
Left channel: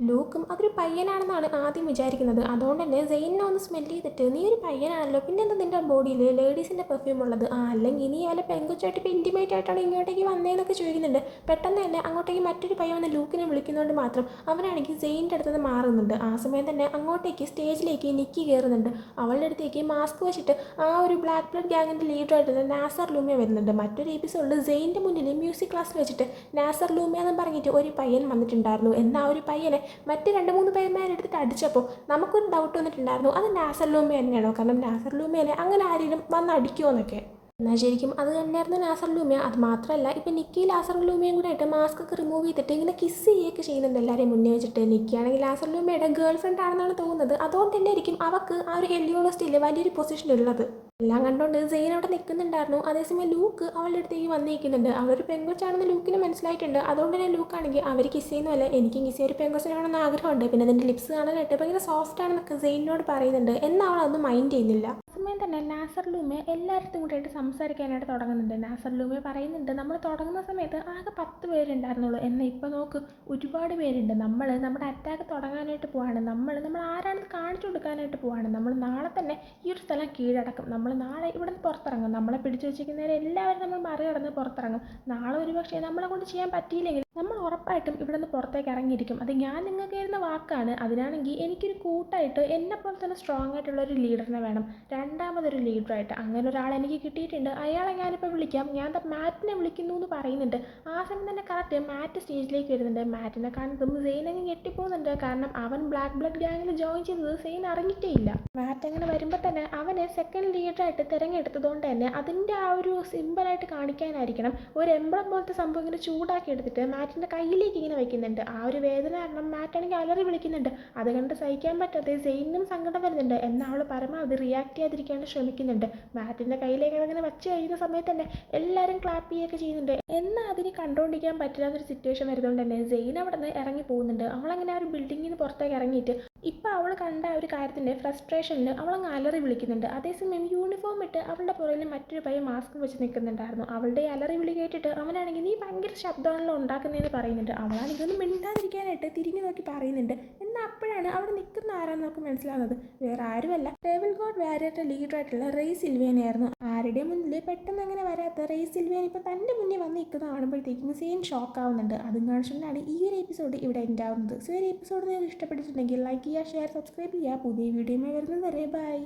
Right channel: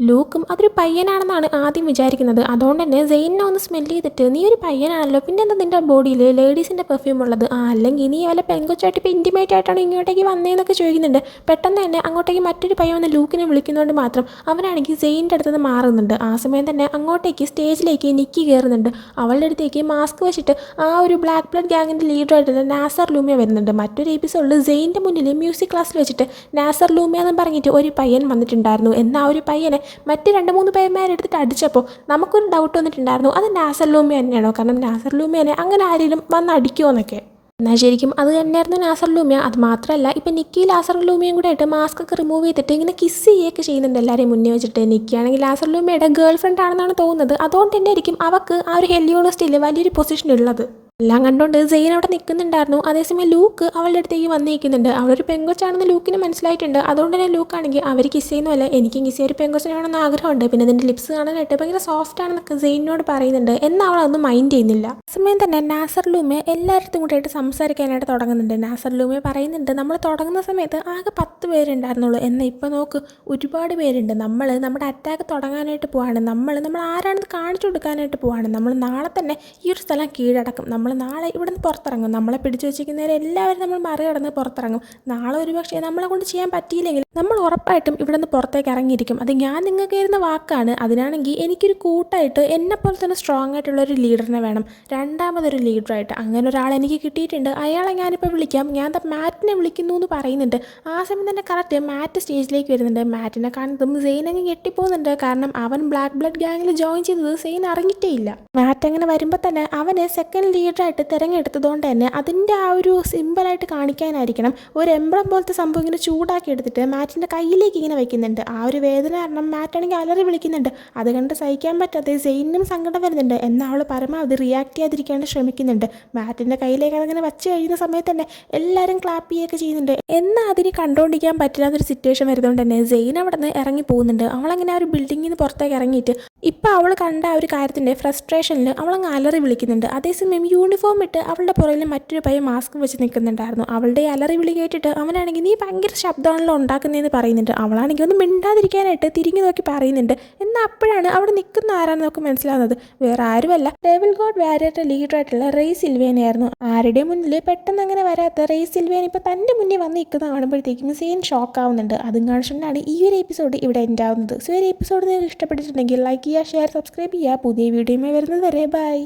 ലൂക്കും അതൊരു പയ്യനാണെന്നാണ് ആദ്യം വിചാരിക്കുന്നത്. അതുകൊണ്ട് തന്നെ സെയിനെ ഒന്ന് സ്മെല്ല് ചെയ്തിട്ട് നീ ഒരു പയ്യനാണല്ലോ, പിന്നെ എന്താ നിൻ്റെ ബോഡിയിൽ ലേഡീസിൻ്റെ പെർഫ്യൂം ഉള്ളത്, അല്ലെങ്കിൽ നീ വല്ല പെങ്കൊച്ചായിട്ട് ഇപ്പോൾ ഇൻറ്റിമേറ്റ് ആയിട്ടാണ് ഇങ്ങോട്ടേക്ക് വന്നതെന്നൊക്കെ ചോദിക്കുന്നുണ്ട്. പെട്ടെന്ന് തന്നെ അങ്ങോട്ടേക്ക് മറ്റൊരു പയ്യൻ വന്ന് ലൂക്കിനെ വിളിക്കുന്നതുകൊണ്ട് മാത്രം അവനാണെങ്കിൽ സെയിൻ്റെ അടുത്ത് മാറുന്നുണ്ട്. ആ സമയം തന്നെ അങ്ങോട്ടേക്ക് സ്റ്റേജിലേക്ക് നിക്കി കയറുന്നുണ്ട്. അവളുടെ അടുത്തേക്ക് മാസ്ക് വെച്ചിട്ട് ആ ഒരു ബ്ലാക്ക് ബ്ലഡ് ഗ്യാങ്ങിൻ്റെ ലീഡറായിട്ടുള്ള നാസർ ലൂമിയ വരുന്നുണ്ട്. മറ്റൊരു എപ്പിസോഡിൽ സെയിൻ്റെ മുന്നിൽ മ്യൂസിക് ക്ലാസ്സിൽ വെച്ചിട്ട് നാസർ ലൂമിയ എന്ന് പറഞ്ഞിട്ട് ഒരു പയ്യൻ വന്നിട്ടുണ്ടായിരുന്നു. എന്നാൽ ആ ഒരു പയ്യനെ മറ്റ് 2-3 പേന്മാരെടുത്തിട്ട് അടിച്ചപ്പോൾ നമുക്കൊരു ഡൗട്ട് വന്നിട്ടുണ്ടായിരുന്നു, അത് നാസർ ലൂമിയ തന്നെയാണോ? കാരണം നാസർ ലൂമിയനെ അങ്ങനെ ആരെങ്കിലും വന്ന് അടിക്കുമോ എന്നൊക്കെ. എന്നാൽ ശരിക്കും അത് തന്നെയായിരുന്നു നാസർ ലൂമിയ. അത് മാത്രമല്ല ഇപ്പം നിക്കി ലാസർ ലൂമിയയും കൂടെ ആയിട്ട് മാസ്ക് ഒക്കെ റിമൂവ് ചെയ്തിട്ട് ഇങ്ങനെ കിസ് ചെയ്യുകയൊക്കെ ചെയ്യുന്നുണ്ട് എല്ലാവരെയും മുന്നേ വെച്ചിട്ട്. നിക്കിയാണെങ്കിൽ ലാസർ ലൂമിയയുടെ ഗേൾ ഫ്രണ്ട് ആണെന്നാണ് തോന്നുന്നത്. അതുകൊണ്ട് തന്നെ ആയിരിക്കും അവൾക്ക് ആ ഒരു ഹെലിയോണിസ്റ്റിൽ വലിയൊരു പൊസിഷൻ ഉള്ളത്. എല്ലാം കണ്ടുകൊണ്ട് സെയിൻ അവിടെ നിൽക്കുന്നുണ്ടായിരുന്നു. അതേസമയം ലൂക്ക് അവളുടെ അടുത്തേക്ക് വന്നിരിക്കുന്നുണ്ട്. അവളൊരു പെങ്കൊച്ചാണെന്ന് ലൂക്കിന് മനസ്സിലായിട്ടുണ്ട്. അതുകൊണ്ട് തന്നെ ലൂക്കാണെങ്കിൽ അവർ കിസ് ചെയ്യുന്നതല്ല, എനിക്കും കിസ് ചെയ്യാൻ ഒരു പെങ്കൊച്ചിനാണെന്ന് ആഗ്രഹമുണ്ട്, പിന്നെ അതിൻ്റെ ലിപ്സ് കാണാനായിട്ട് ഭയങ്കര സോഫ്റ്റ് ആണെന്നൊക്കെ സെയിനോട് പറയുന്നുണ്ട്. എന്നാൽ അവളതൊന്നും മൈൻഡ് ചെയ്യുന്നില്ല. സമയം തന്നെ നാസർ ലൂമിയ എല്ലായിടത്തും കൂടെയായിട്ട് സംസാരിക്കാനായിട്ട് തുടങ്ങുന്നുണ്ട്. നാസർ ലൂമിയ പറയുന്നുണ്ട്, നമ്മൾ തുടങ്ങുന്ന സമയത്ത് ആകെ 10 പേരുണ്ടായിരുന്നുള്ളൂ, എന്നാൽ ഇപ്പോൾ നോക്ക് ഒരുപാട് പേരുണ്ട്. നമ്മൾ നമ്മുടെ അറ്റാക്ക് തുടങ്ങാനായിട്ട് പോവാണ്. നമ്മൾ ആരാണെന്ന് കാണിച്ചു കൊടുക്കാനായിട്ട് പോവാണ്. നമ്മൾ നാളെ തന്നെ ഈ ഒരു സ്ഥലം കീഴടക്കും. നമ്മൾ നാളെ ഇവിടെ നിന്ന് പുറത്തിറങ്ങും. നമ്മളെ പിടിച്ചു വെച്ചിരിക്കുന്നവരെ എല്ലാവരും നമ്മൾ മറികടന്ന് പുറത്തിറങ്ങും. നാളെ ഒരു പക്ഷേ നമ്മളെ കൊണ്ട് ചെയ്യാൻ പറ്റിയില്ലെങ്കിൽ നമ്മൾ ഉറപ്പായിട്ടും ഇവിടെ നിന്ന് പുറത്തേക്ക് ഇറങ്ങിയിരിക്കും. അത് ഞാൻ നിങ്ങൾക്ക് തരുന്ന വാക്കാണ്. അതിനാണെങ്കിൽ എനിക്കൊരു കൂട്ടായിട്ട് എന്നെപ്പോലെ തന്നെ സ്ട്രോങ് ആയിട്ടുള്ളൊരു ലീഡറിനെ വേണം, രണ്ടാമതൊരു ലീഡറായിട്ട്. അങ്ങനെ ഒരാൾ എനിക്ക് കിട്ടിയിട്ടുണ്ട്. അയാളെ ഞാനിപ്പോൾ വിളിക്കാം. ഞാൻ മാറ്റിനെ വിളിക്കുന്നു എന്ന് പറയുന്നുണ്ട്. ആ സമയം തന്നെ കറക്റ്റ് മാറ്റ് സ്റ്റേജിലേക്ക് വരുന്നുണ്ട്. മാറ്റിനെ കാണുന്നതും സെയിൻ അങ്ങ് ഞെട്ടിപ്പോകുന്നുണ്ട്. കാരണം അവൻ ബ്ലാക്ക് ബ്ലഡ് ഗ്യാങ്ങിൽ ജോയിൻ ചെയ്തത് സെയിൻ അറിഞ്ഞിട്ടേ ഇല്ല. മാറ്റ് അങ്ങനെ വരുമ്പോൾ തന്നെ അവനെ സെക്കൻഡ് ലീഡറായിട്ട് തിരഞ്ഞെടുത്തതുകൊണ്ട് തന്നെ അതിൻ്റെ ആ ഒരു സിമ്പിളായിട്ട് കാണിക്കാനായിരിക്കണം ഒരു എംബ്ലം പോലത്തെ സംഭവം ഇങ്ങനെ ചൂടാക്കി എടുത്തിട്ട് മാറ്റിൻ്റെ കയ്യിലേക്ക് ഇങ്ങനെ വയ്ക്കുന്നുണ്ട്. ആ ഒരു വേദന കാരണം മാറ്റാണെങ്കിൽ അലറി വിളിക്കുന്നുണ്ട്. അത് കണ്ട് സഹിക്കാൻ പറ്റാതെ സെയിനും സങ്കടം വരുന്നുണ്ട്. എന്നാൽ അവൾ പരമാവധി റിയാക്ട് ചെയ്യാതിരിക്കാൻ ശ്രമിക്കുന്നുണ്ട്. മാറ്റിൻ്റെ കയ്യിലേക്ക് അതങ്ങനെ വച്ച് കഴിയുന്ന സമയത്ത് തന്നെ എല്ലാവരും ക്ലാപ്പ് ചെയ്യുകയൊക്കെ ചെയ്യുന്നുണ്ട്. എന്നാൽ അതിന് കണ്ടുകൊണ്ടിരിക്കാൻ പറ്റാത്തൊരു സിറ്റുവേഷൻ വരുന്നതുകൊണ്ട് തന്നെ സെയിൻ അവിടെ നിന്ന് ഇറങ്ങി പോകുന്നുണ്ട്. അവളങ്ങനെ ആ ഒരു ബിൽഡിങ്ങിൽ നിന്ന് പുറത്തേക്ക് ഇറങ്ങിയിട്ട് ഇപ്പോൾ അവൾ കണ്ട ആ ഒരു കാര്യത്തിൻ്റെ ഫ്രസ്ട്രേഷനിൽ അവളങ്ങ് അലറി വിളിക്കുന്നുണ്ട്. അതേസമയം യൂണിഫോം ഇട്ട് അവളുടെ പുറകിൽ മറ്റൊരു പയ്യൻ മാസ്ക് വെച്ച് നിൽക്കുന്നുണ്ടായിരുന്നു. അവളുടെ അലറി വിളി കേട്ടിട്ട് അവനാണെങ്കിൽ നീ ഭയങ്കര ശബ്ദമാണല്ലോ ഉണ്ടാക്കുന്നതെന്ന് പറയുന്നുണ്ട്. അവളാണെങ്കിൽ ഒന്ന് മിണ്ടാതിരിക്കാനായിട്ട് തിരിഞ്ഞു നോക്കി പറയുന്നുണ്ട്. എന്നാൽ അപ്പോഴാണ് അവിടെ നിൽക്കുന്ന ആരാണെന്ന് നമുക്ക് മനസ്സിലാവുന്നത്. വേറെ ആരുമല്ല, ഡെവിൾ ഗോഡ് വാരിയറുടെ ലീഡറായിട്ടുള്ള റേ സിൽവേനയായിരുന്നു. ആരുടെ മുന്നിൽ പെട്ടെന്ന് അങ്ങനെ വരാത്ത റേ സിൽവേന ഇപ്പോൾ തൻ്റെ മുന്നിൽ വന്ന് നിൽക്കുന്ന കാണുമ്പോഴത്തേക്കും സെയിൻ ഷോക്ക് ആവുന്നുണ്ട്. അതും കാണിച്ചുകൊണ്ടാണ് ഈ ഒരു എപ്പിസോഡ് ഇവിടെ എൻഡ് ആവുന്നത്. സോ ഈ ഒരു എപ്പിസോഡ് നിങ്ങൾക്ക് ഇഷ്ടപ്പെട്ടിട്ടുണ്ടെങ്കിൽ ലൈക്ക് ചെയ്യുക, ഷെയർ, സബ്സ്ക്രൈബ് ചെയ്യുക. പുതിയ വീഡിയോയുമായി വരുന്നത് വരെ ബൈ.